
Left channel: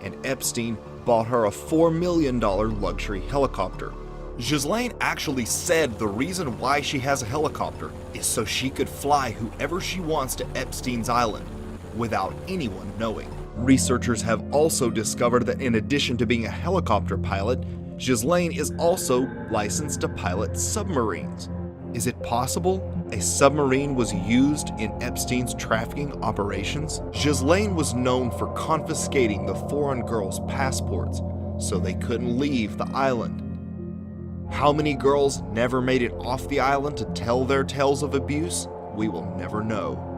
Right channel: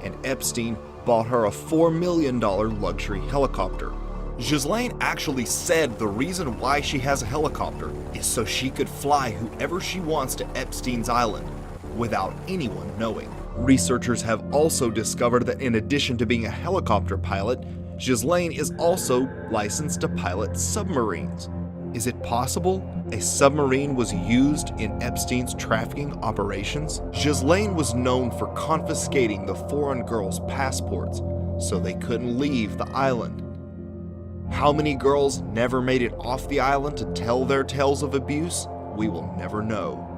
and Epstein bought her a $4 million luxury helicopter. Ghislaine actually said the reason why she has a helicopter is so she could fly whoever she wants to Epstein's Island without anyone knowing. Researchers have also discovered that in addition to being a helicopter pilot, Ghislaine is also licensed to pilot submarines. Is it possible a submarine was used in Epstein's trafficking operations? Ghislaine was known for confiscating the foreign girls' passports so they couldn't leave the island. How many girls never made it off the island to tell their tales of abuse? We will never know.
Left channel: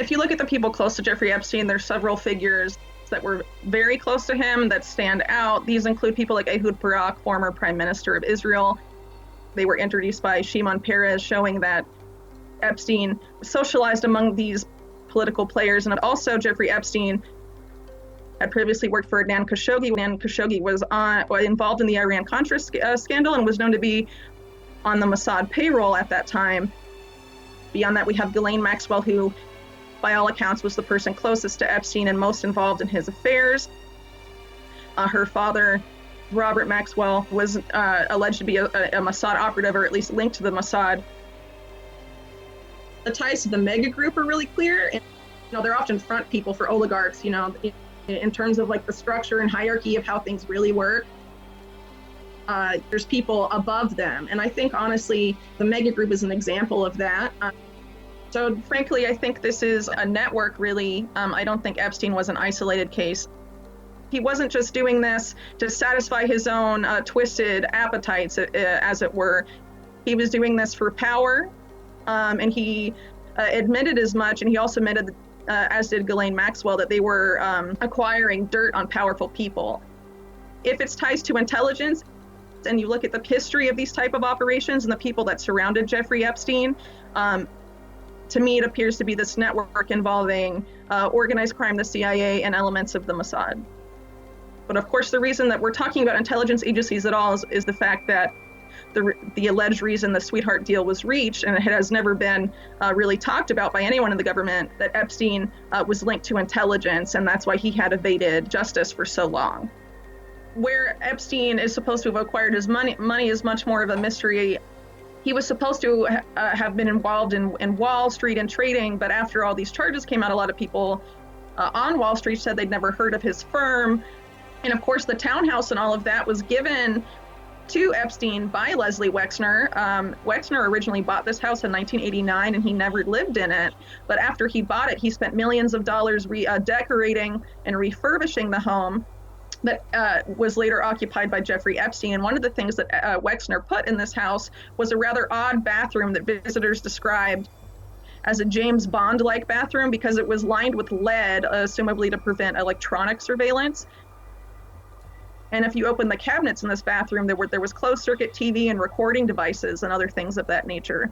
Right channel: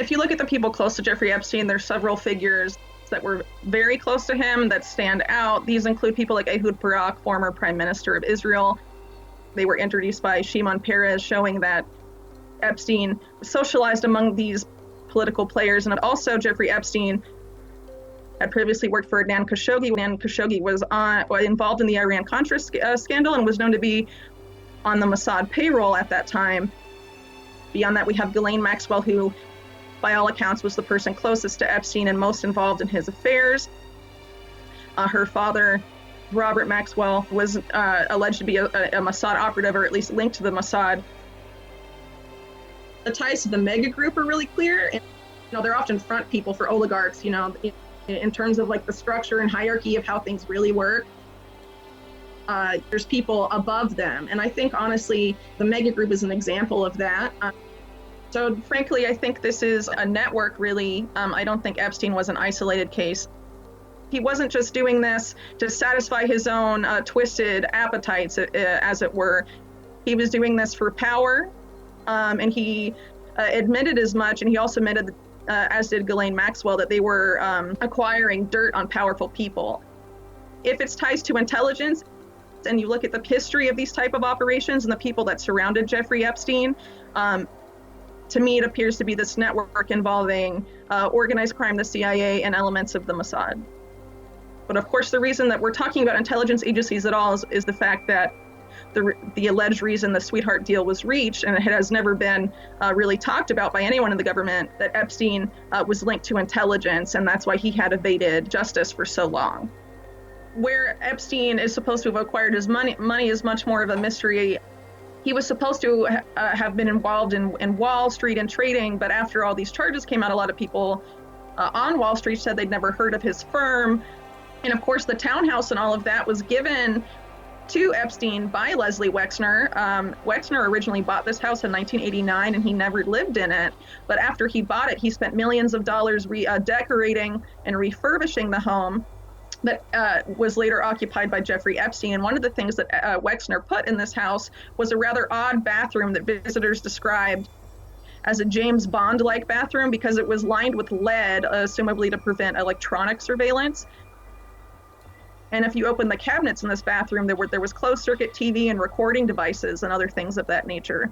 If you look at the people close to Jeffrey Epstein, there's several figures that were very close to him that stand out. These include people like Ehud Barak, former Prime Minister of Israel. They were introduced by Shimon Peres, showing that Epstein socialized among these political players. And also Jeffrey Epstein had previously worked for Adnan Khashoggi. Adnan Khashoggi was involved in the Iran-Contra scandal and was known to be on the Mossad payroll at that time. Beyond that, we have Ghislaine Maxwell, who, by all accounts, was the person closest to Epstein and most involved in his affairs. Her father, Robert Maxwell, was alleged to be a Mossad operative, or at least linked to the Mossad. The ties to the Mega group are really clear. And, they're often front people for oligarchs, in terms of like the structure and hierarchy of how things really work. There's people above them. And I think, honestly, the Mega group is an example of that. So frankly, I think this is a network, really. I don't think Epstein was an isolated case. He wasn't just doing this to satisfy his own twisted appetites, as it were. He was doing this for power, and he admitted as much, and he also admitted, as did Ghislaine Maxwell, that they were acquiring dirt on powerful people. If it's ties to intelligence, and you look at the history of these type of operations and the people that surrounded Jeffrey Epstein, to me, it appears to be this network involving organized crime, the CIA, and elements of the Mossad. But of course, the reason that we're talking about intelligence agencies at all is the fact that the alleged reason the sweetheart deal was reached, and it has never been really talked about by anyone in the government, that Epstein was linked to intelligence, and that's why he had evaded justice for so long. Where Epstein is supposed to have acquired his money is much more of a mystery. He was supposed to have been involved in Wall Street and trading, but after all these charges came out, a lot of people on Wall Street said they'd never heard of his firm. And of course, the townhouse and all of that was given to Epstein by Leslie Wexner. Wexner originally bought this house in 1989, and he never lived in it. But after he bought it, he spent millions of dollars decorating and refurbishing the home that was later occupied by Jeffrey Epstein. And one of the things that Wexner put in this house was a rather odd bathroom that visitors described as a James Bond-like bathroom, because it was lined with lead, assumably to prevent electronic surveillance. And if you open the cabinets in this bathroom, there was closed-circuit TV and recording devices and other things of that nature.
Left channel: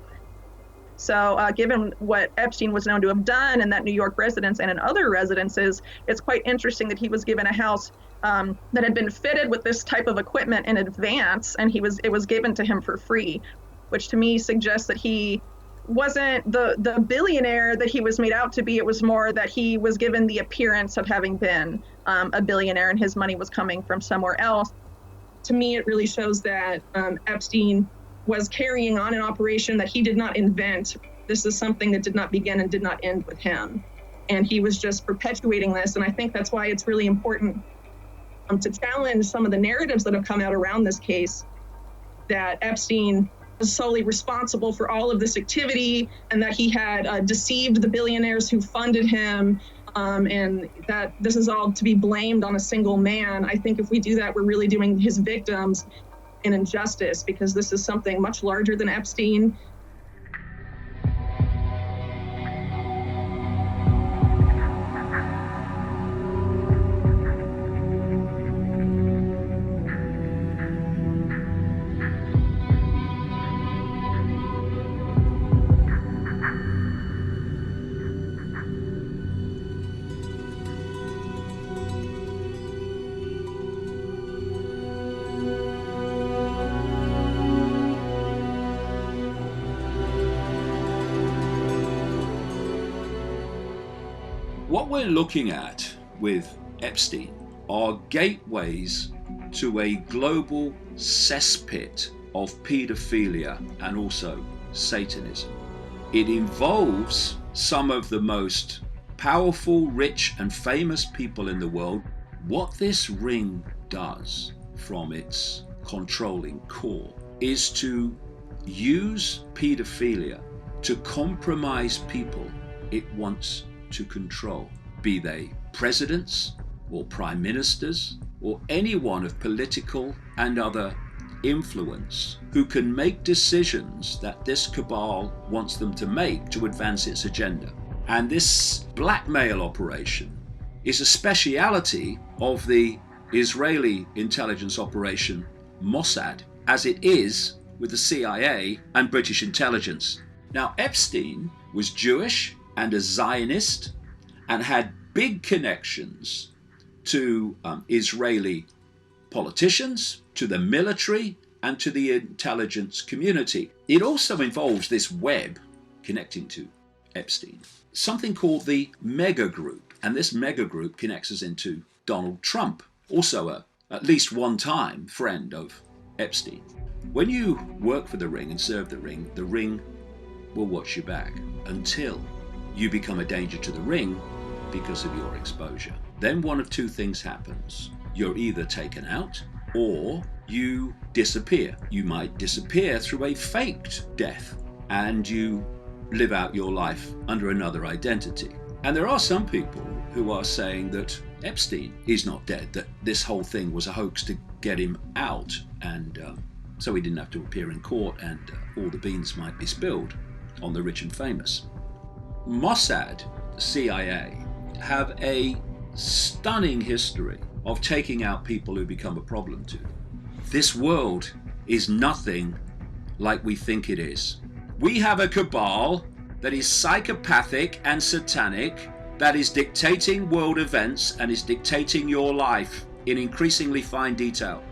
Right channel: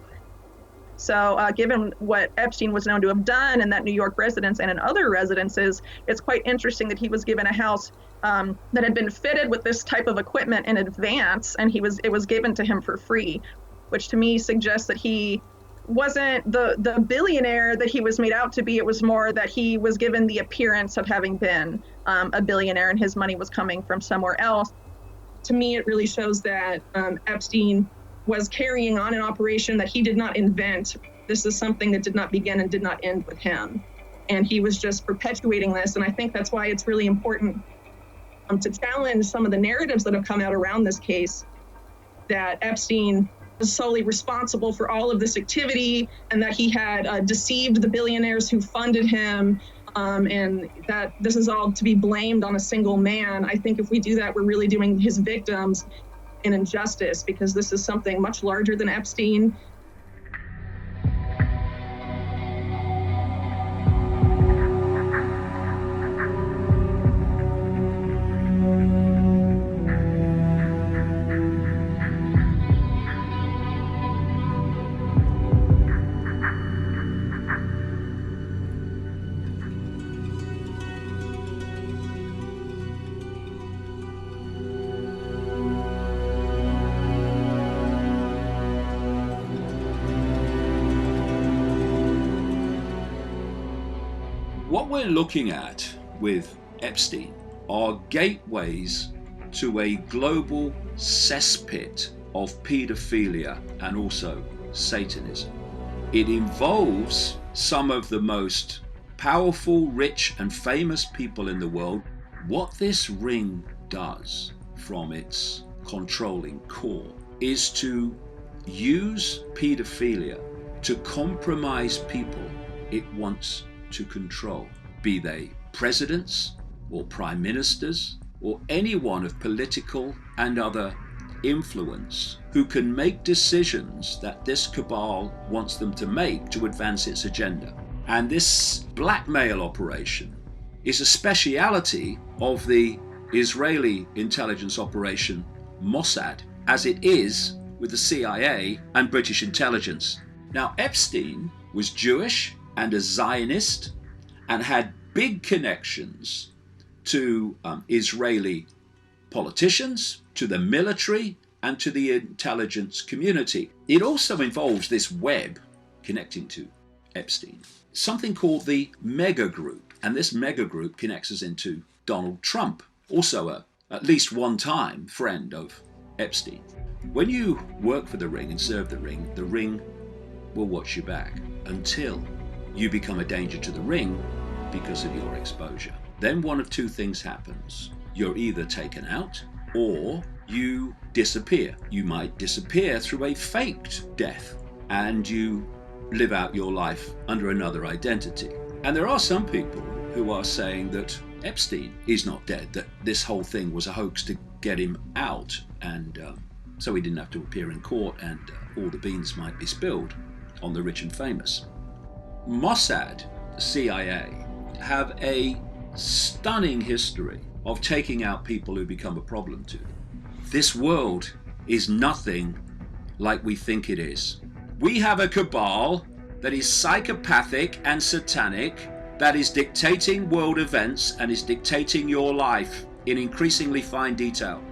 So given what Epstein was known to have done in that New York residence and in other residences, it's quite interesting that he was given a house that had been fitted with this type of equipment in advance, and it was given to him for free, which to me suggests that he wasn't the billionaire that he was made out to be. It was more that he was given the appearance of having been a billionaire, and his money was coming from somewhere else. To me, it really shows that Epstein was carrying on an operation that he did not invent. This is something that did not begin and did not end with him. And he was just perpetuating this. And I think that's why it's really important to challenge some of the narratives that have come out around this case, that Epstein was solely responsible for all of this activity, and that he had deceived the billionaires who funded him, and that this is all to be blamed on a single man. I think if we do that, we're really doing his victims an injustice, because this is something much larger than Epstein. What we're looking at with Epstein are gateways to a global cesspit of paedophilia and also Satanism. It involves some of the most powerful, rich, and famous people in the world. What this ring does from its controlling core is to use paedophilia to compromise people it wants to control, be they presidents or prime ministers or anyone of political and other influence who can make decisions that this cabal wants them to make to advance its agenda. And this blackmail operation is a speciality of the Israeli intelligence operation Mossad, as it is with the CIA and British intelligence. Now, Epstein was Jewish and a Zionist and had big connections to Israeli politicians, to the military, and to the intelligence community. It also involves this web connecting to Epstein, something called the Mega Group. And this Mega Group connects us into Donald Trump, also at least one time friend of Epstein. When you work for the ring and serve the ring will watch your back until you become a danger to the ring because of your exposure. Then one of two things happens. You're either taken out or you disappear. You might disappear through a faked death and you live out your life under another identity. And there are some people who are saying that Epstein is not dead, that this whole thing was a hoax to get him out, and so he didn't have to appear in court and all the beans might be spilled on the rich and famous. Mossad, the CIA, have a stunning history of taking out people who become a problem to them. This world is nothing like we think it is. We have a cabal that is psychopathic and satanic, that is dictating world events and is dictating your life in increasingly fine detail.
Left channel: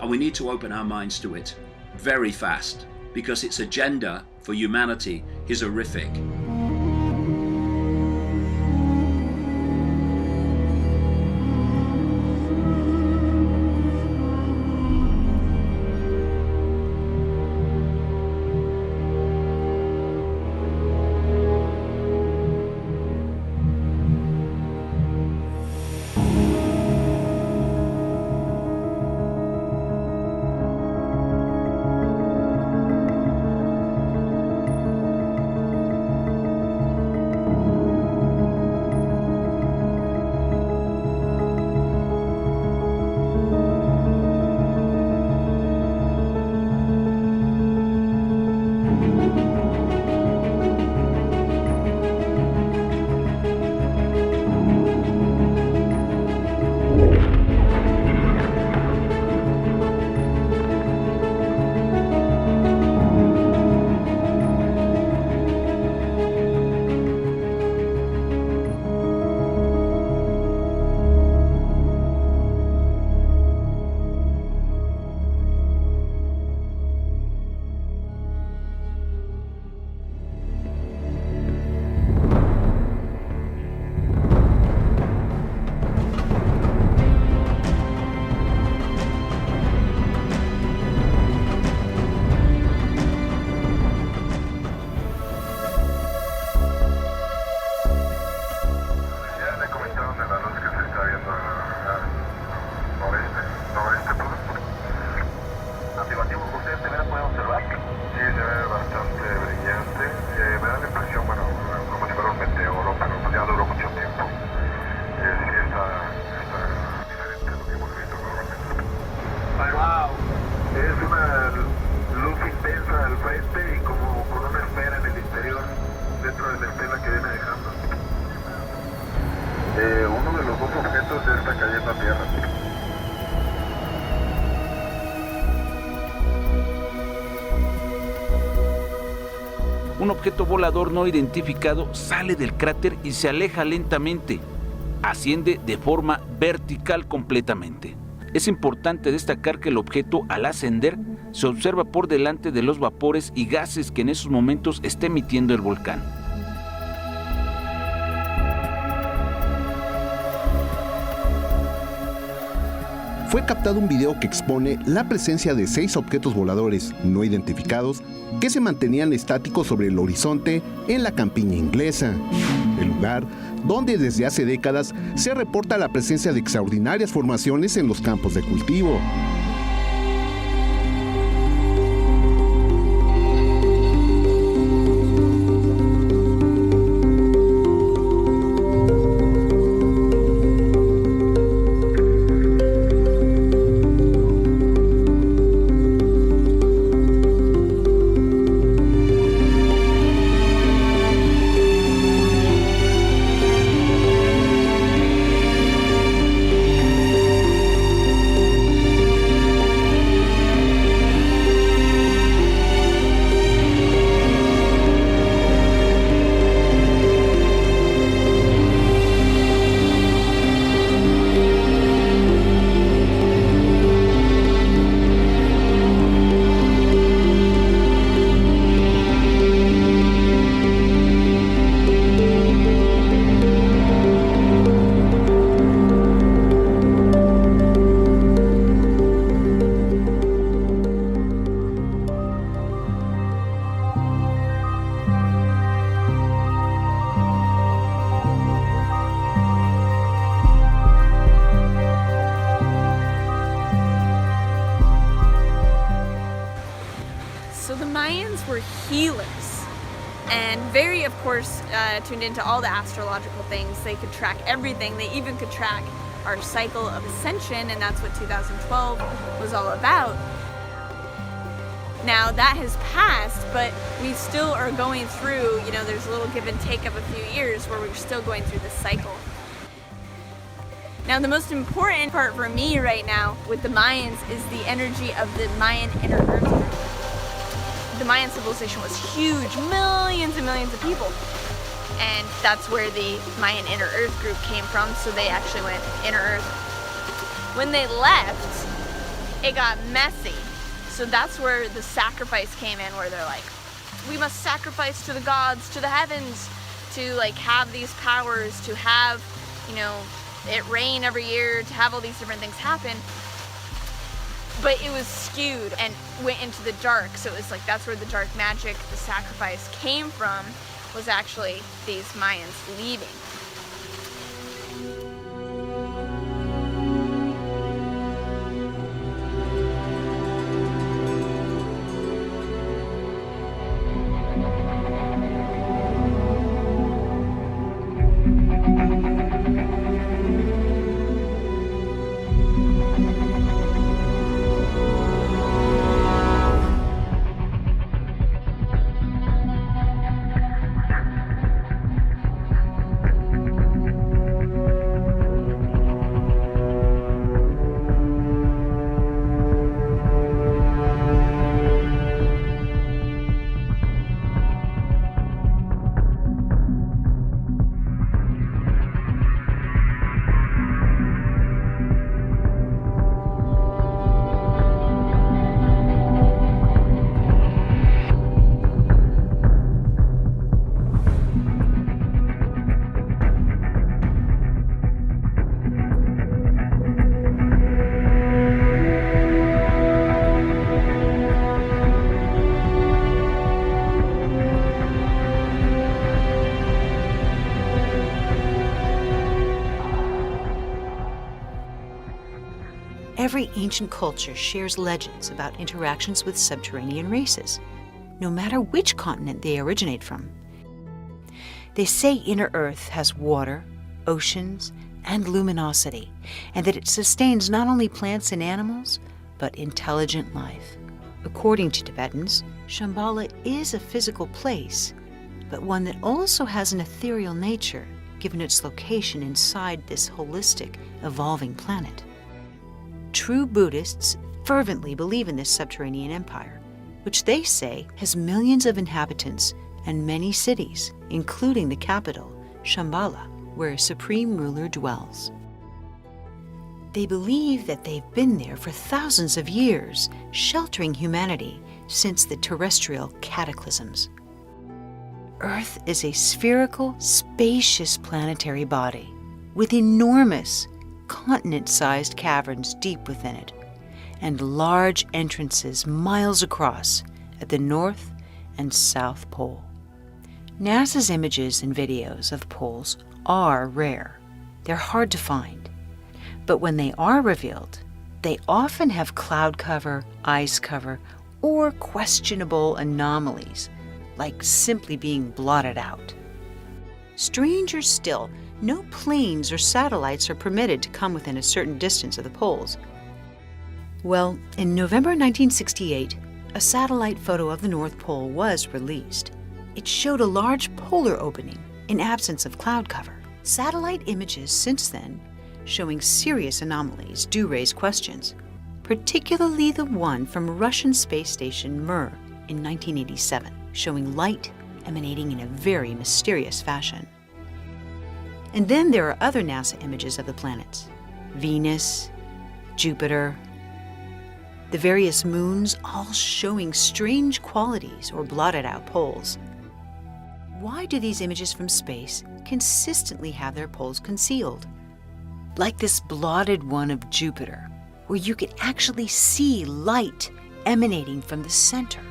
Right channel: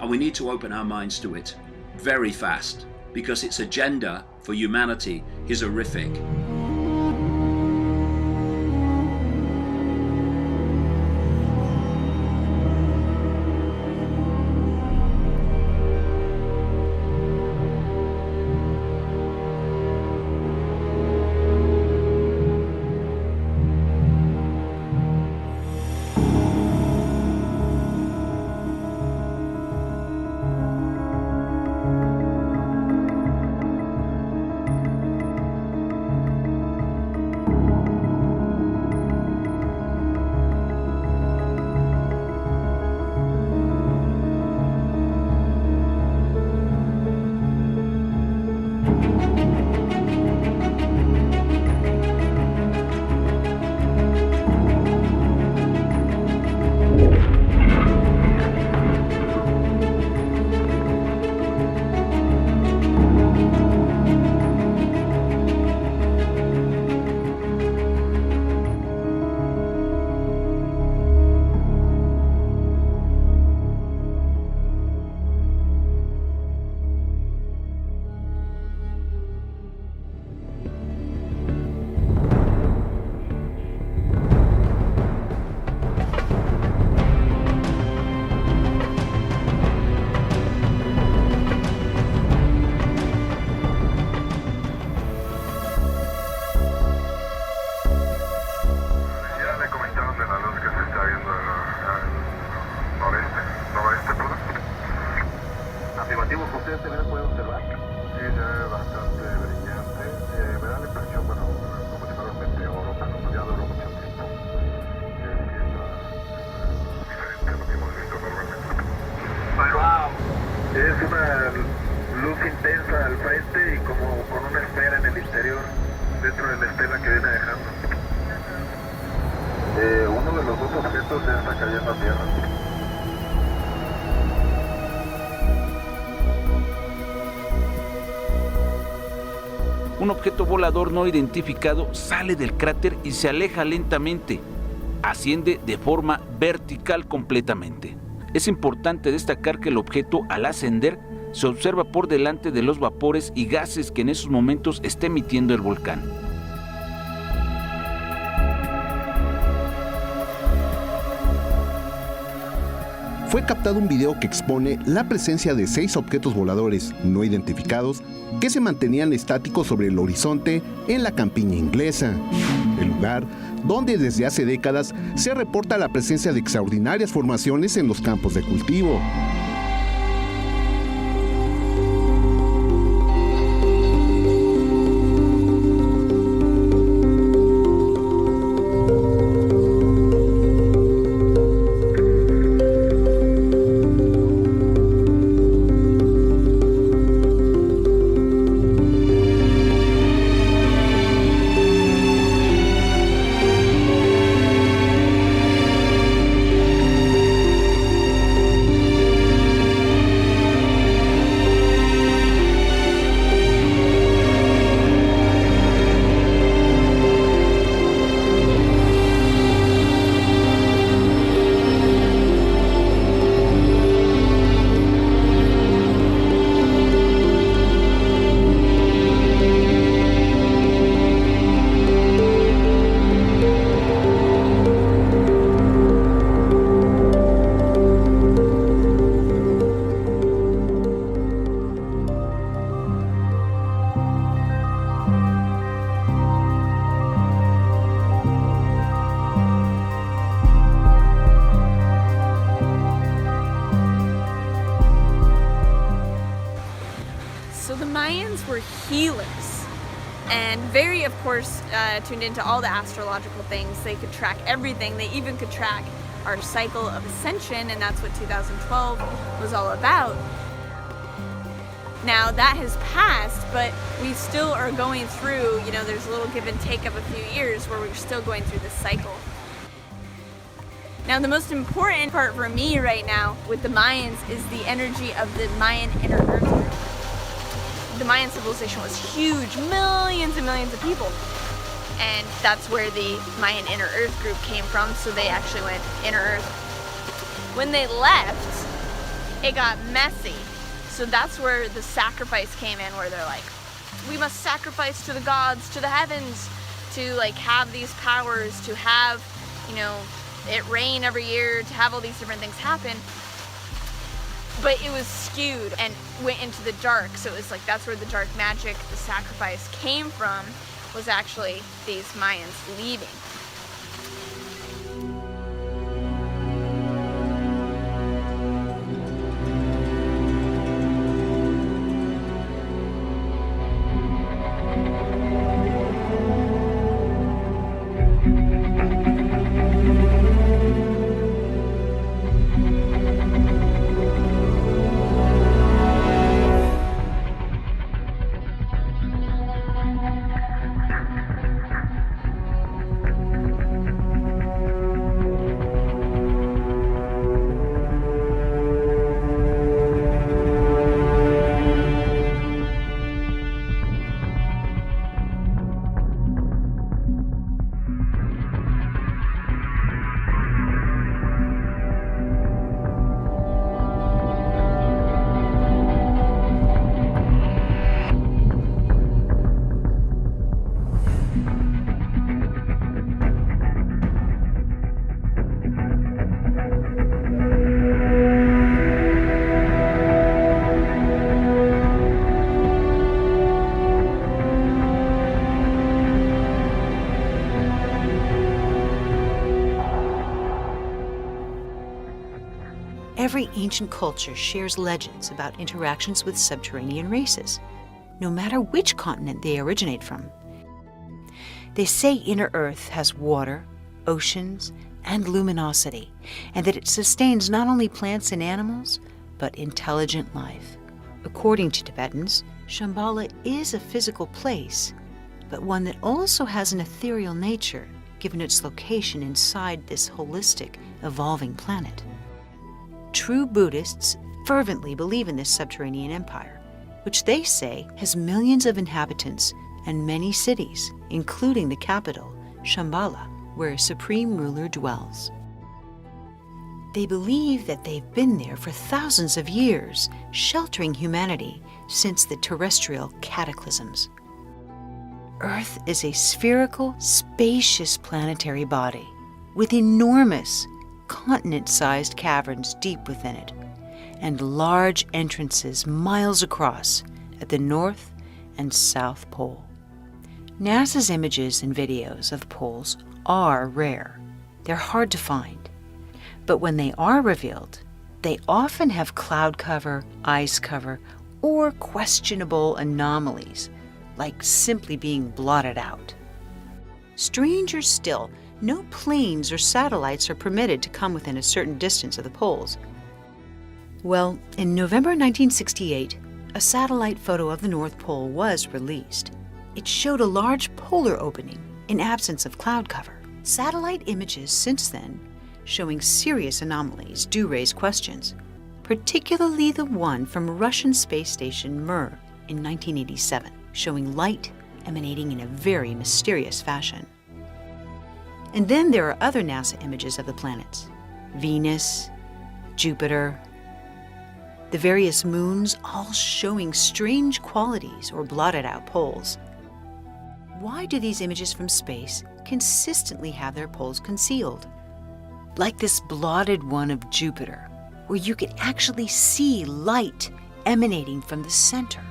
And we need to open our minds to it very fast, because its agenda for humanity is horrific. Un objeto volador no identificado sale del cráter y se aleja lentamente. Asciende de forma vertical completamente. Es importante destacar que el objeto, al ascender, se observa por delante de los vapores y gases que en esos momentos está emitiendo el volcán. Fue captado un video que expone la presencia de 6 objetos voladores no identificados que se mantenían estáticos sobre el horizonte en la campiña inglesa, el lugar donde desde hace décadas se reporta la presencia de extraordinarias formaciones en los campos de cultivo. healers. And very, of course, tuned into all the astrological things. They could track everything. They even could track our cycle of ascension, and that's what 2012 was all about. Now that has passed, but we still are going through, there's a little give and take of a few years where we're still going through this cycle. Now the most important part for me right now with the Mayans is the energy of the Mayan inner earth group. The Mayan civilization was huge, millions and millions of people. And that's where the Mayan inner earth group came from, so they actually went inner earth. When they left, it got messy. So that's where the sacrifice came in, where they're like, we must sacrifice to the gods, to the heavens, to have these powers, to have, it rain every year, to have all these different things happen. But it was skewed and went into the dark. So it was that's where the dark magic, the sacrifice came from, was actually these Mayans leaving. Every ancient culture shares legends about interactions with subterranean races, no matter which continent they originate from. They say inner Earth has water, oceans, and luminosity, and that it sustains not only plants and animals, but intelligent life. According to Tibetans, Shambhala is a physical place, but one that also has an ethereal nature, given its location inside this holistic, evolving planet. True Buddhists fervently believe in this subterranean empire, which they say has millions of inhabitants and many cities, including the capital, Shambhala, where a supreme ruler dwells. They believe that they've been there for thousands of years, sheltering humanity since the terrestrial cataclysms. Earth is a spherical, spacious planetary body with enormous, continent-sized caverns deep within it, and large entrances miles across at the North and South Pole. NASA's images and videos of the poles are rare. They're hard to find. But when they are revealed, they often have cloud cover, ice cover, or questionable anomalies, like simply being blotted out. Stranger still, no planes or satellites are permitted to come within a certain distance of the poles. Well, in November 1968, a satellite photo of the North Pole was released. It showed a large polar opening in absence of cloud cover. Satellite images since then, showing serious anomalies, do raise questions, particularly the one from Russian space station Mir in 1987, showing light emanating in a very mysterious fashion. And then there are other NASA images of the planets: Venus, Jupiter, the various moons, all showing strange qualities or blotted out poles. Why do these images from space consistently have their poles concealed? Like this blotted one of Jupiter, where you can actually see light emanating from the center.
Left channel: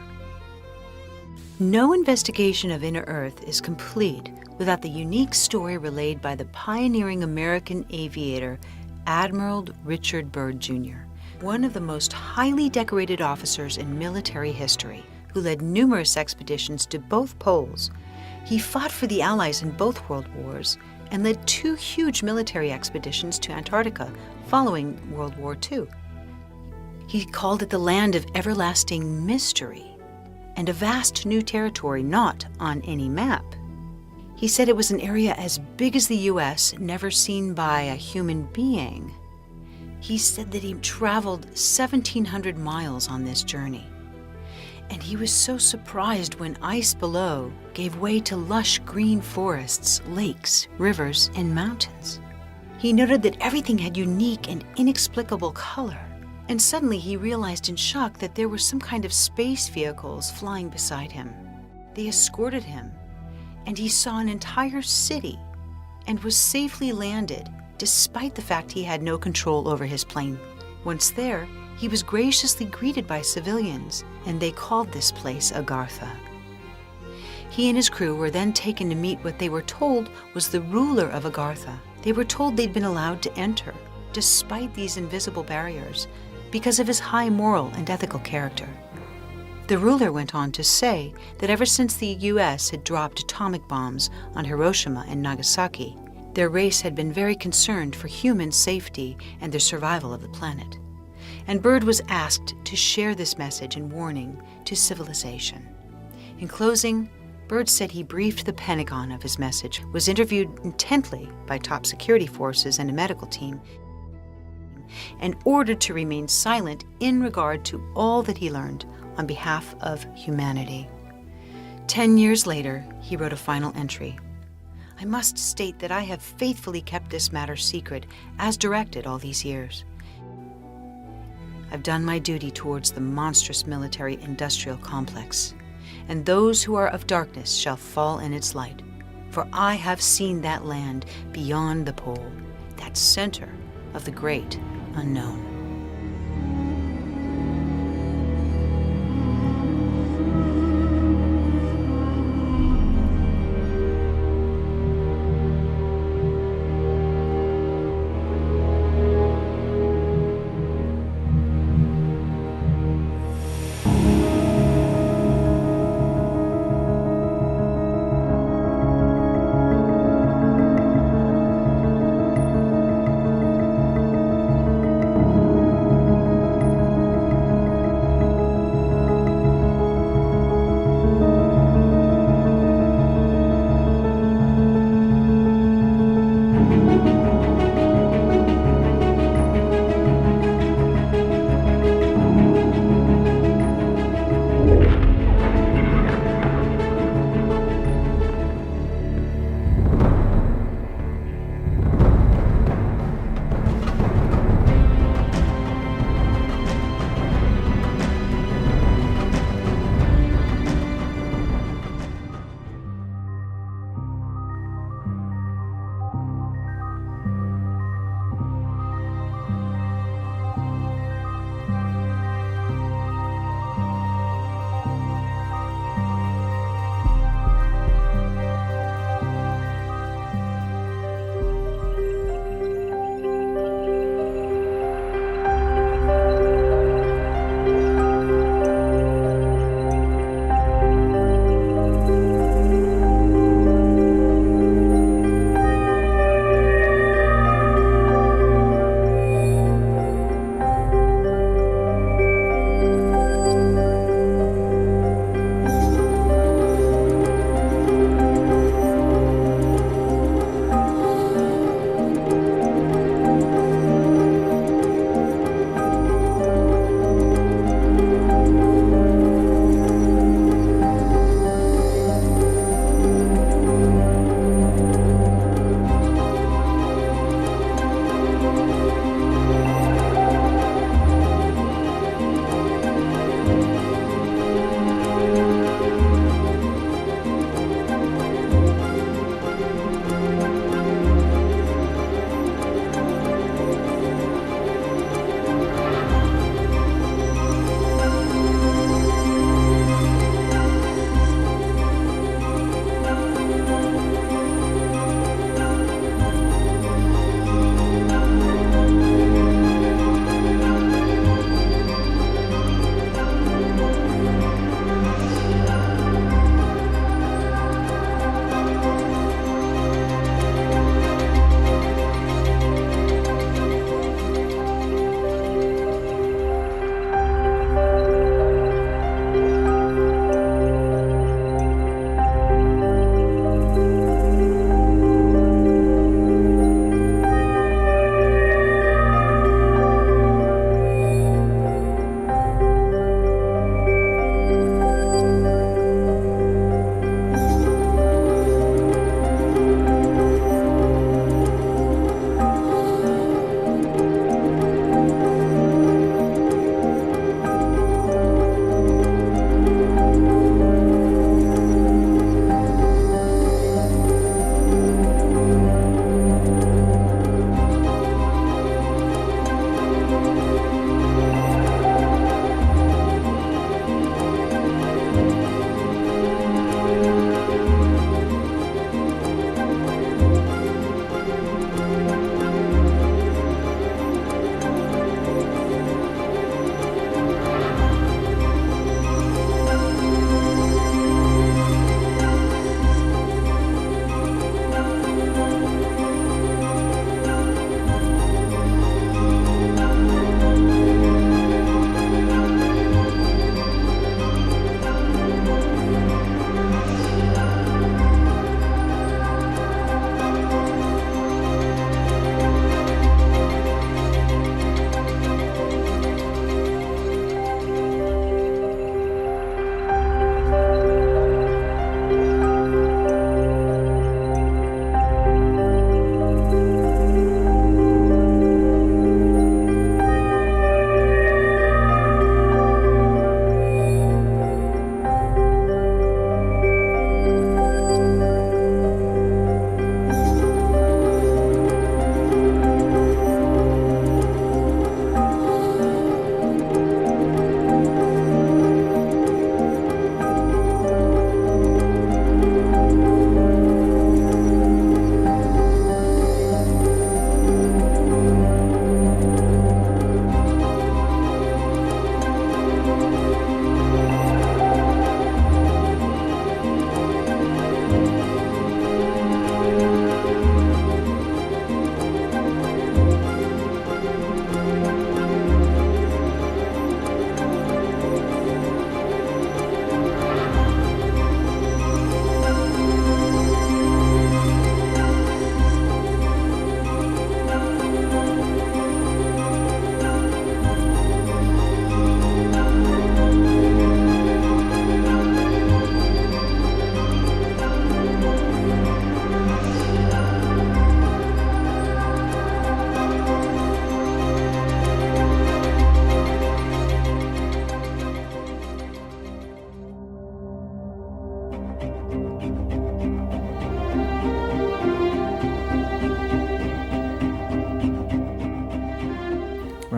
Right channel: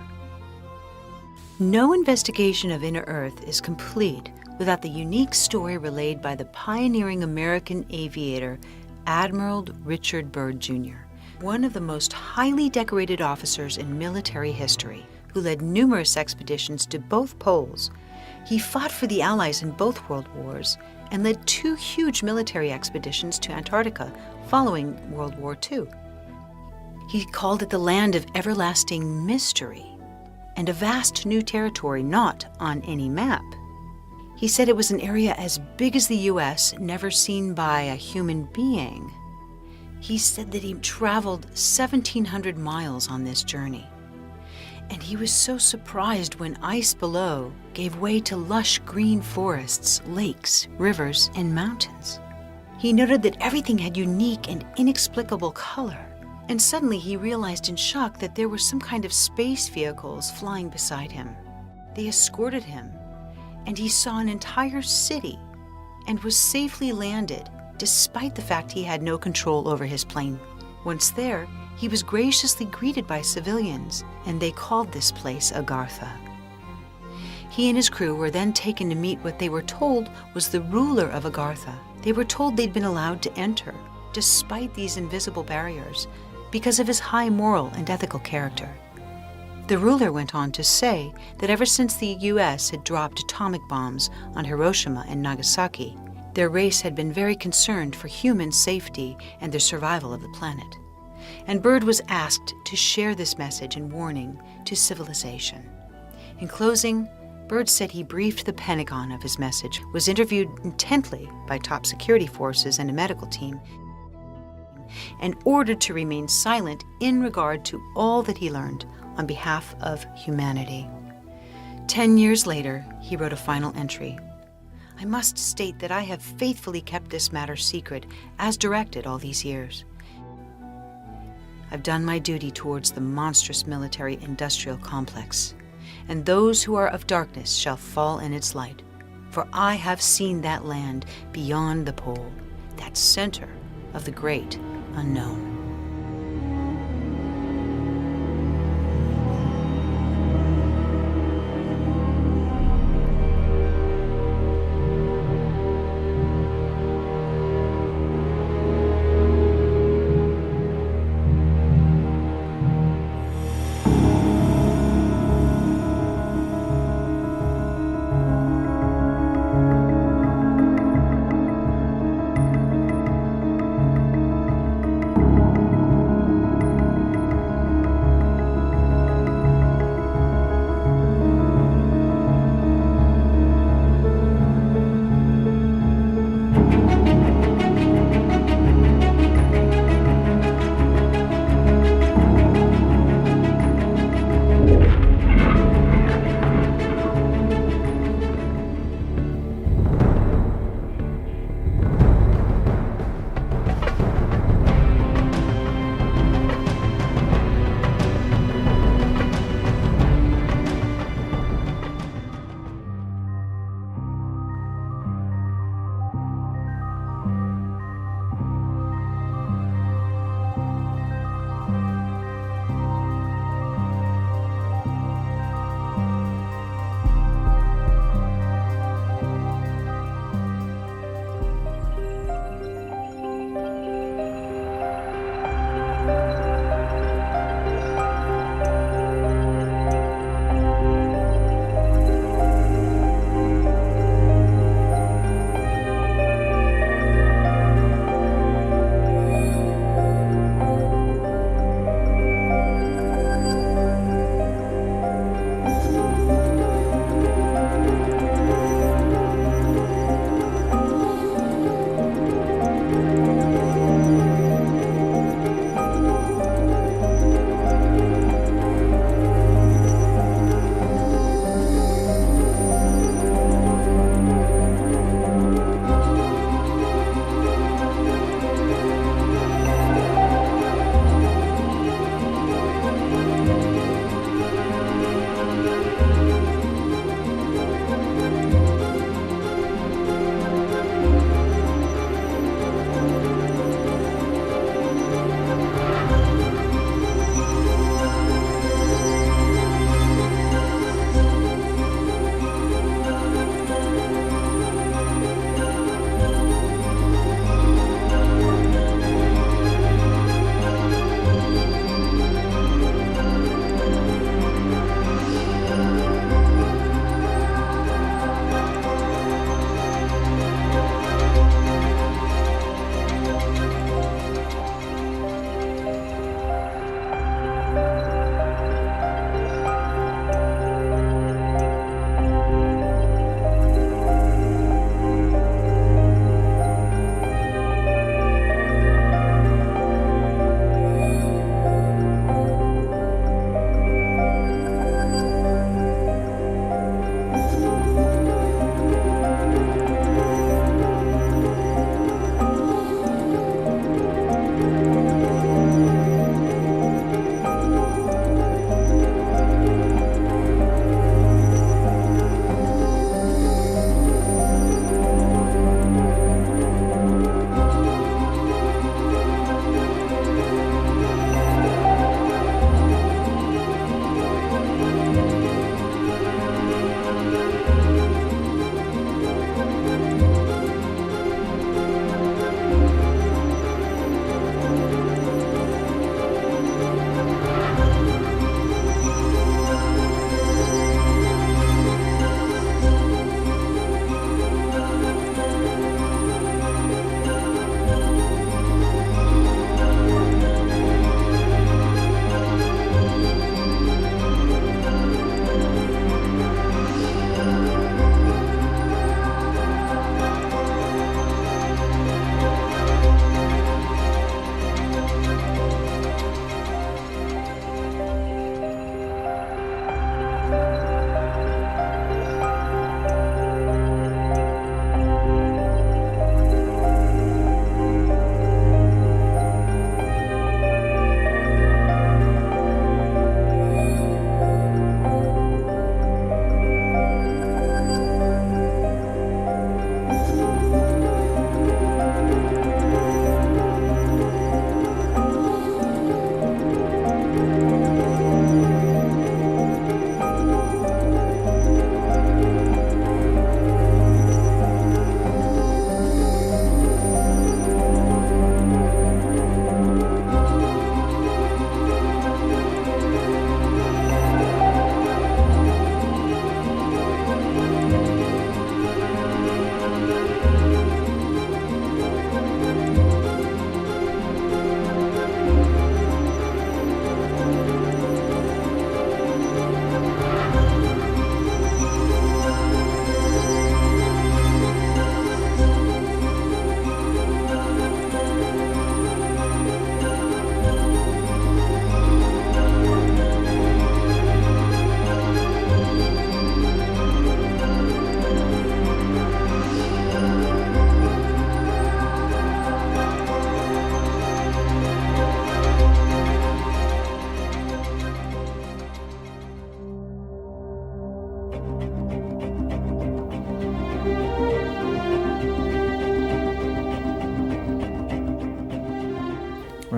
No investigation of inner Earth is complete without the unique story relayed by the pioneering American aviator Admiral Richard Byrd Jr., one of the most highly decorated officers in military history, who led numerous expeditions to both poles. He fought for the Allies in both world wars and led 2 huge military expeditions to Antarctica following World War II. He called it the land of everlasting mystery and a vast new territory not on any map. He said it was an area as big as the U.S., never seen by a human being. He said that he traveled 1,700 miles on this journey. And he was so surprised when ice below gave way to lush green forests, lakes, rivers, and mountains. He noted that everything had unique and inexplicable color. And suddenly he realized in shock that there were some kind of space vehicles flying beside him. They escorted him, and he saw an entire city and was safely landed despite the fact he had no control over his plane. Once there, he was graciously greeted by civilians, and they called this place Agartha. He and his crew were then taken to meet what they were told was the ruler of Agartha. They were told they'd been allowed to enter, despite these invisible barriers, because of his high moral and ethical character. The ruler went on to say that ever since the U.S. had dropped atomic bombs on Hiroshima and Nagasaki, their race had been very concerned for human safety and the survival of the planet. And Byrd was asked to share this message and warning to civilization. In closing, Byrd said he briefed the Pentagon of his message, was interviewed intently by top security forces and a medical team, and ordered to remain silent in regard to all that he learned on behalf of humanity. 10 years later, he wrote a final entry. I must state that I have faithfully kept this matter secret, as directed all these years. I've done my duty towards the monstrous military-industrial complex, and those who are of darkness shall fall in its light. For I have seen that land beyond the pole, that center of the great unknown.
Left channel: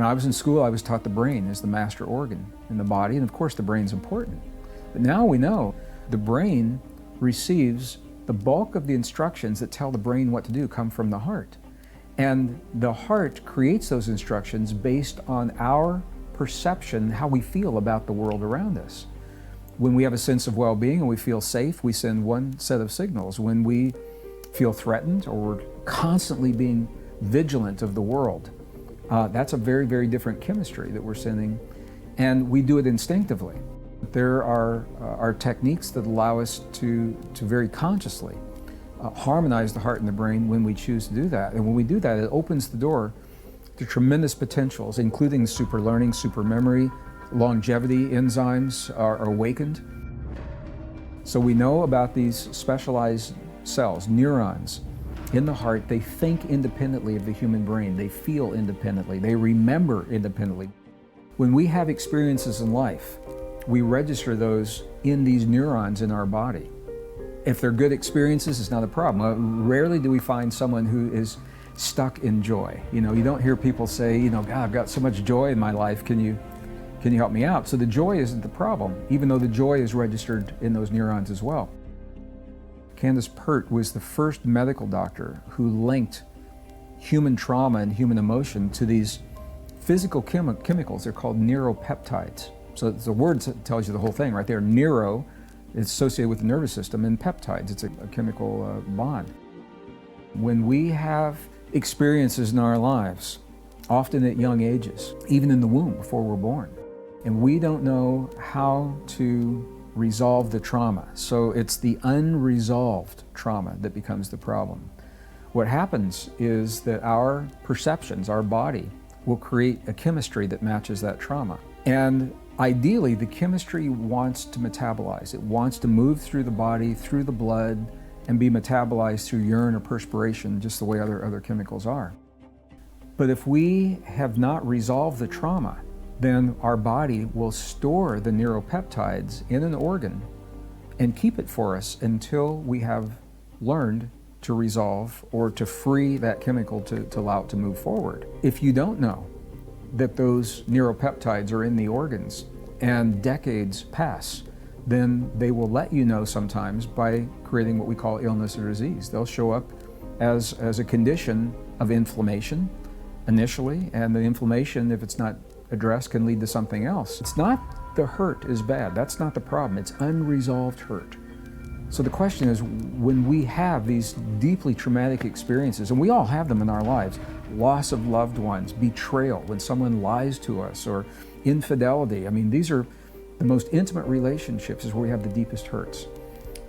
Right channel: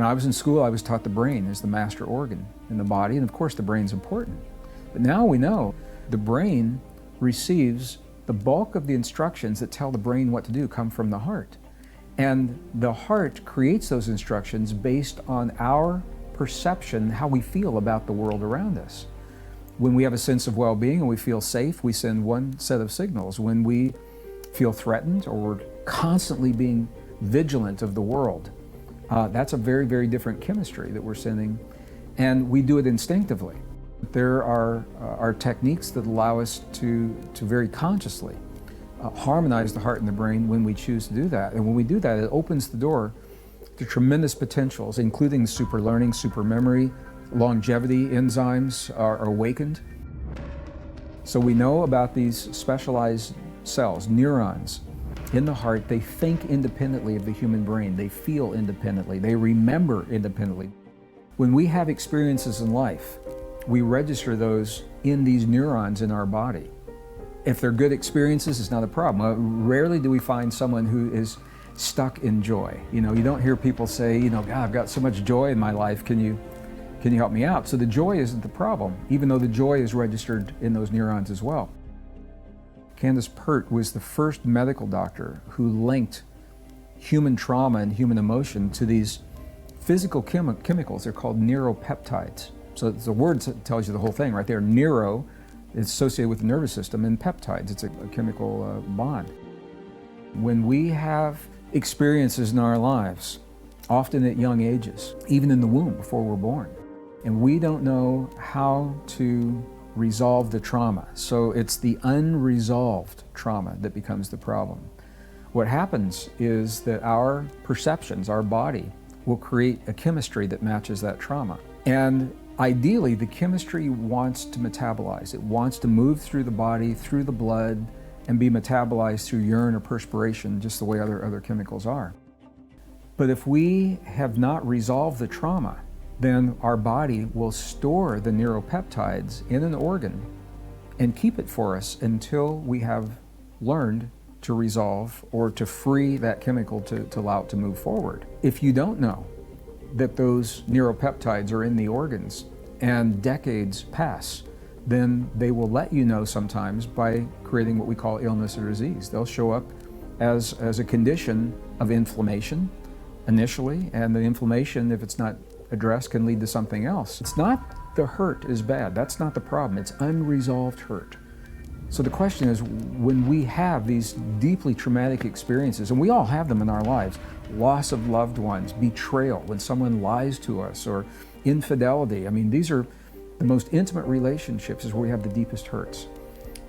When I was in school, I was taught the brain is the master organ in the body, and of course the brain's important. But now we know the brain receives the bulk of the instructions that tell the brain what to do come from the heart. And the heart creates those instructions based on our perception, how we feel about the world around us. When we have a sense of well-being and we feel safe, we send one set of signals. When we feel threatened or we're constantly being vigilant of the world, that's a very, very different chemistry that we're sending, and we do it instinctively. There are techniques that allow us to very consciously harmonize the heart and the brain when we choose to do that. And when we do that, it opens the door to tremendous potentials, including super learning, super memory, longevity enzymes are awakened. So we know about these specialized cells, neurons in the heart. They think independently of the human brain. They feel independently. They remember independently. When we have experiences in life, we register those in these neurons in our body. If they're good experiences, it's not a problem. Rarely do we find someone who is stuck in joy. You don't hear people say, God, I've got so much joy in my life, can you help me out? So the joy isn't the problem, even though the joy is registered in those neurons as well. Candace Pert was the first medical doctor who linked human trauma and human emotion to these physical chemicals. They're called neuropeptides. So the word tells you the whole thing right there. Neuro is associated with the nervous system, and peptides, it's a chemical bond. When we have experiences in our lives, often at young ages, even in the womb before we're born, and we don't know how to resolve the trauma, so it's the unresolved trauma that becomes the problem. What happens is that our perceptions, our body, will create a chemistry that matches that trauma. And ideally, the chemistry wants to metabolize. It wants to move through the body, through the blood, and be metabolized through urine or perspiration, just the way other chemicals are. But if we have not resolved the trauma, then our body will store the neuropeptides in an organ and keep it for us until we have learned to resolve or to free that chemical to allow it to move forward. If you don't know that those neuropeptides are in the organs and decades pass, then they will let you know sometimes by creating what we call illness or disease. They'll show up as a condition of inflammation initially, and the inflammation, if it's not addressed, can lead to something else. It's not the hurt is bad, that's not the problem, it's unresolved hurt. So the question is, when we have these deeply traumatic experiences, and we all have them in our lives, loss of loved ones, betrayal, when someone lies to us, or infidelity, these are the most intimate relationships is where we have the deepest hurts.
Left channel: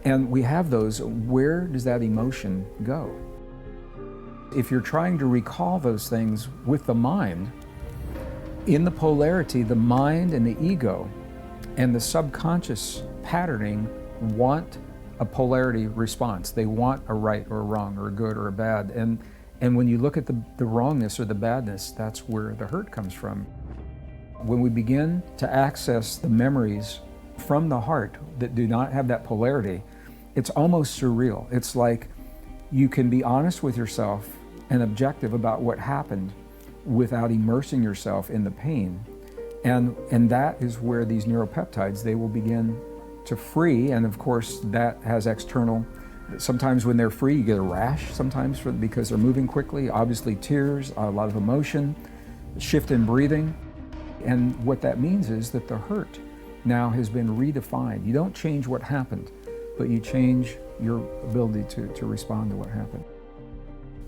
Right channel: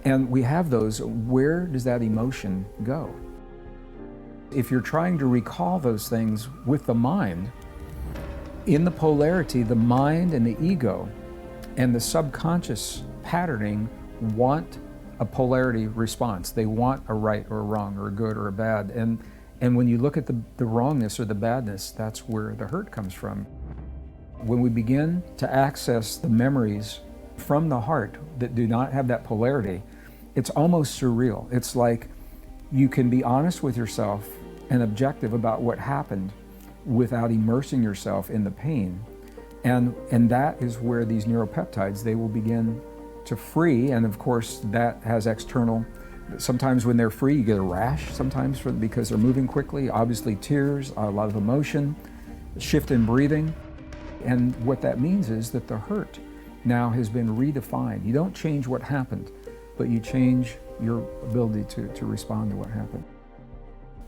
And we have those, where does that emotion go? If you're trying to recall those things with the mind, in the polarity, the mind and the ego and the subconscious patterning want a polarity response. They want a right or a wrong or a good or a bad. And when you look at the wrongness or the badness, that's where the hurt comes from. When we begin to access the memories from the heart that do not have that polarity, it's almost surreal. It's like you can be honest with yourself and objective about what happened without immersing yourself in the pain. And that is where these neuropeptides, they will begin to free. And of course, that has external, sometimes when they're free, you get a rash sometimes because they're moving quickly, obviously tears, a lot of emotion, shift in breathing. And what that means is that the hurt now has been redefined. You don't change what happened, but you change your ability to respond to what happened.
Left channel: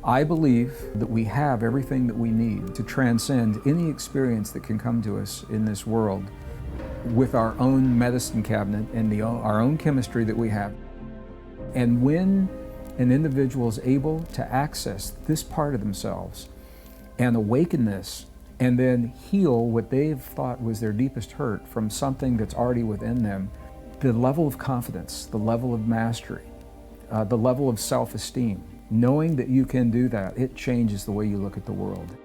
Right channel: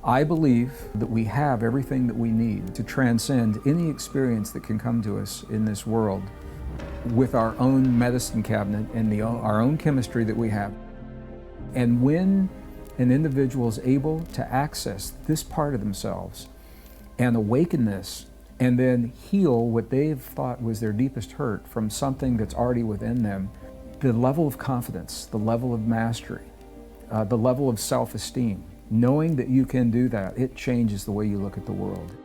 I believe that we have everything that we need to transcend any experience that can come to us in this world with our own medicine cabinet and our own chemistry that we have. And when an individual is able to access this part of themselves and awaken this, and then heal what they've thought was their deepest hurt from something that's already within them, the level of confidence, the level of mastery, the level of self-esteem, knowing that you can do that, it changes the way you look at the world.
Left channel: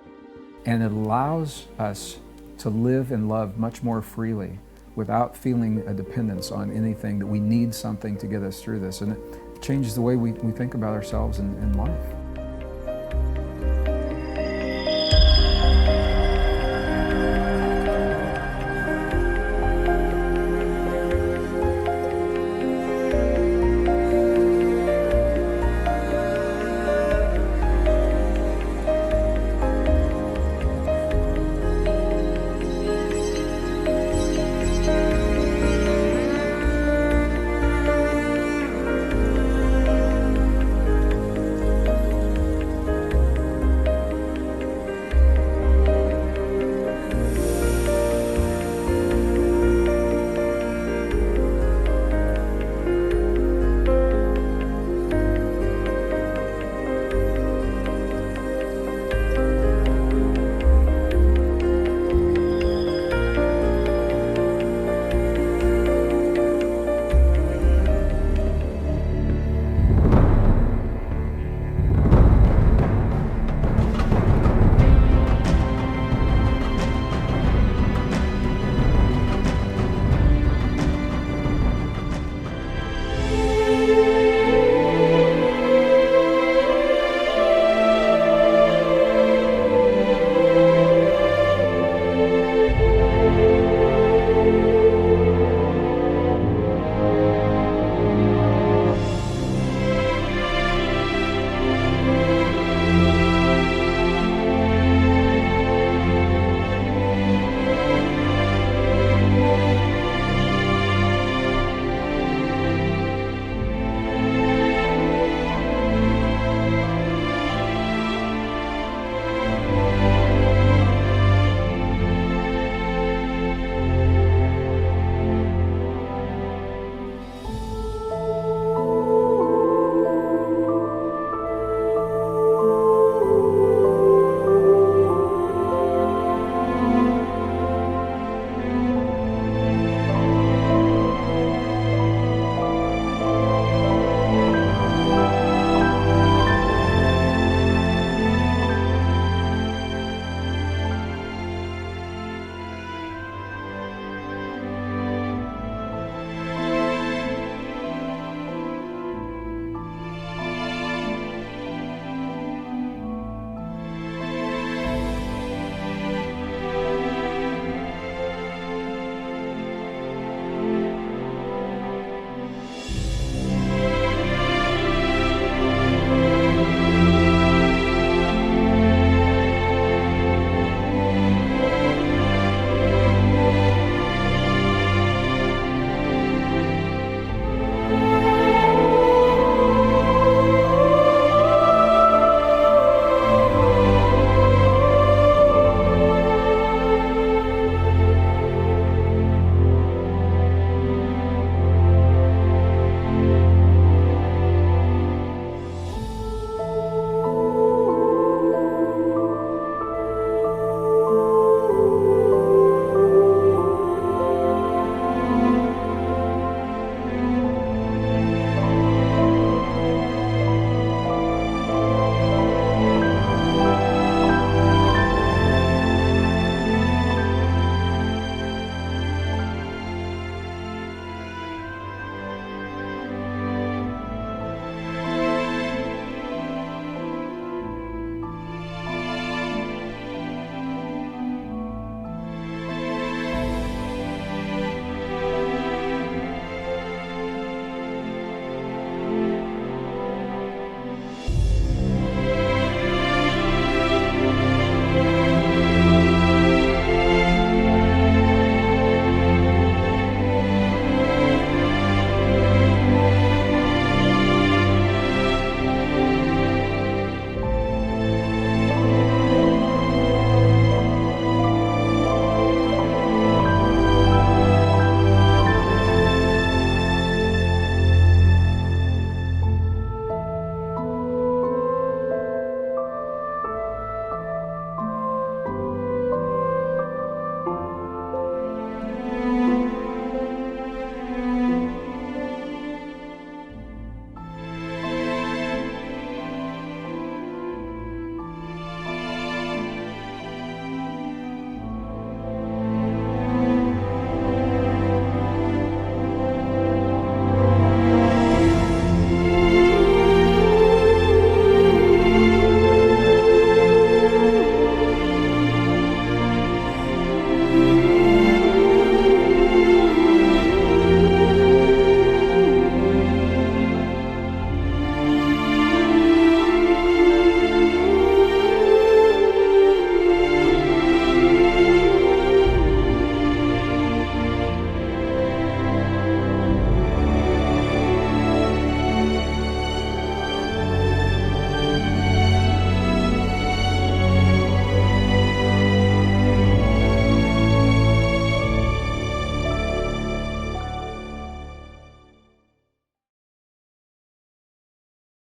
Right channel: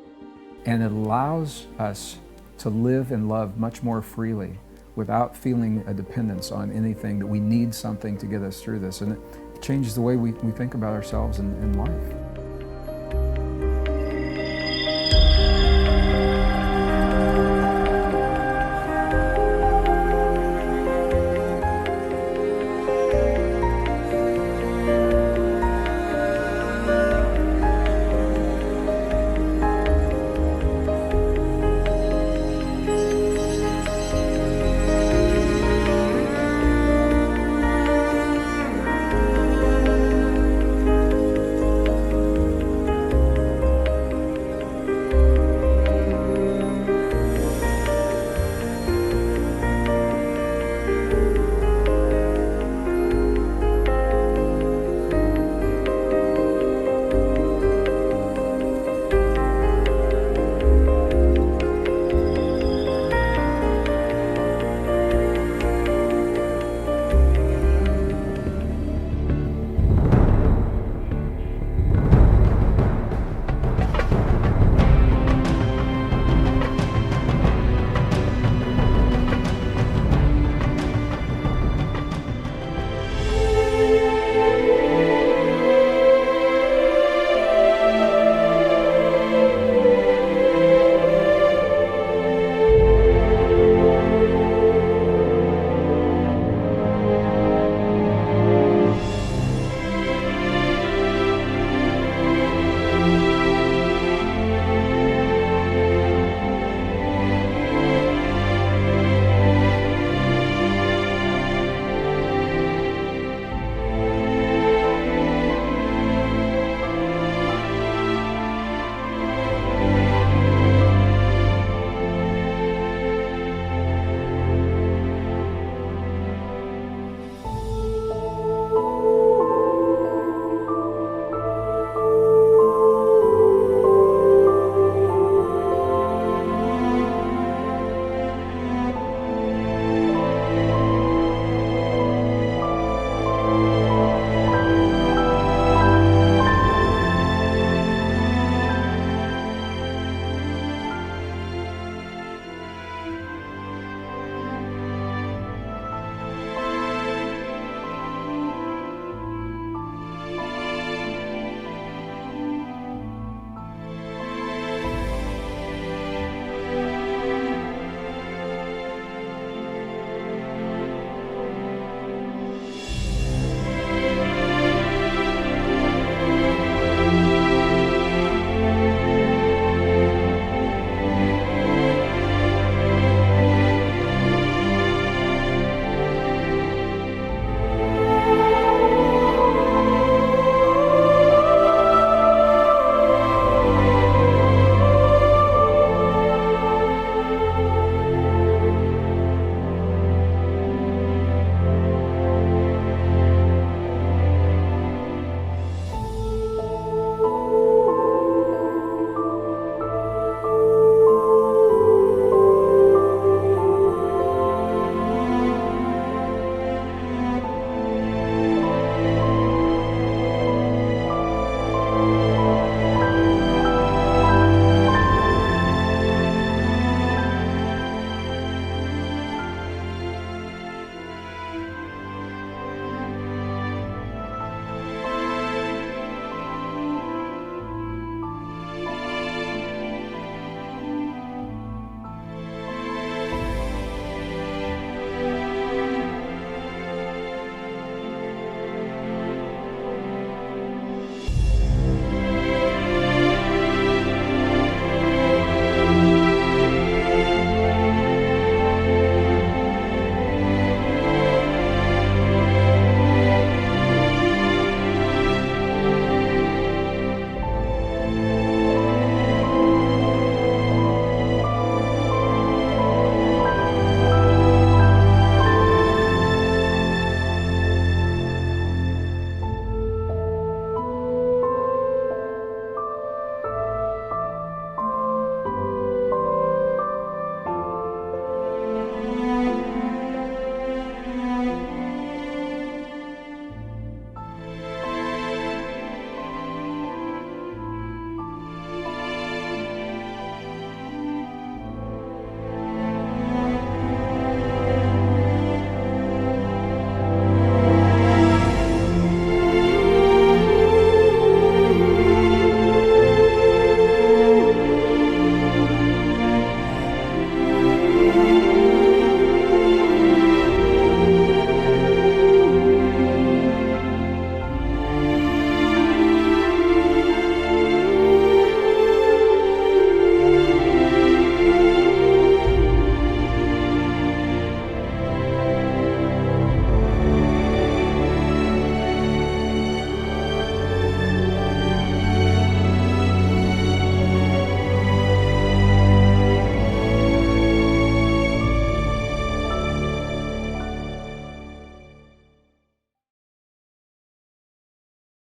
And it allows us to live and love much more freely without feeling a dependence on anything, that we need something to get us through this. And it changes the way we think about ourselves in life.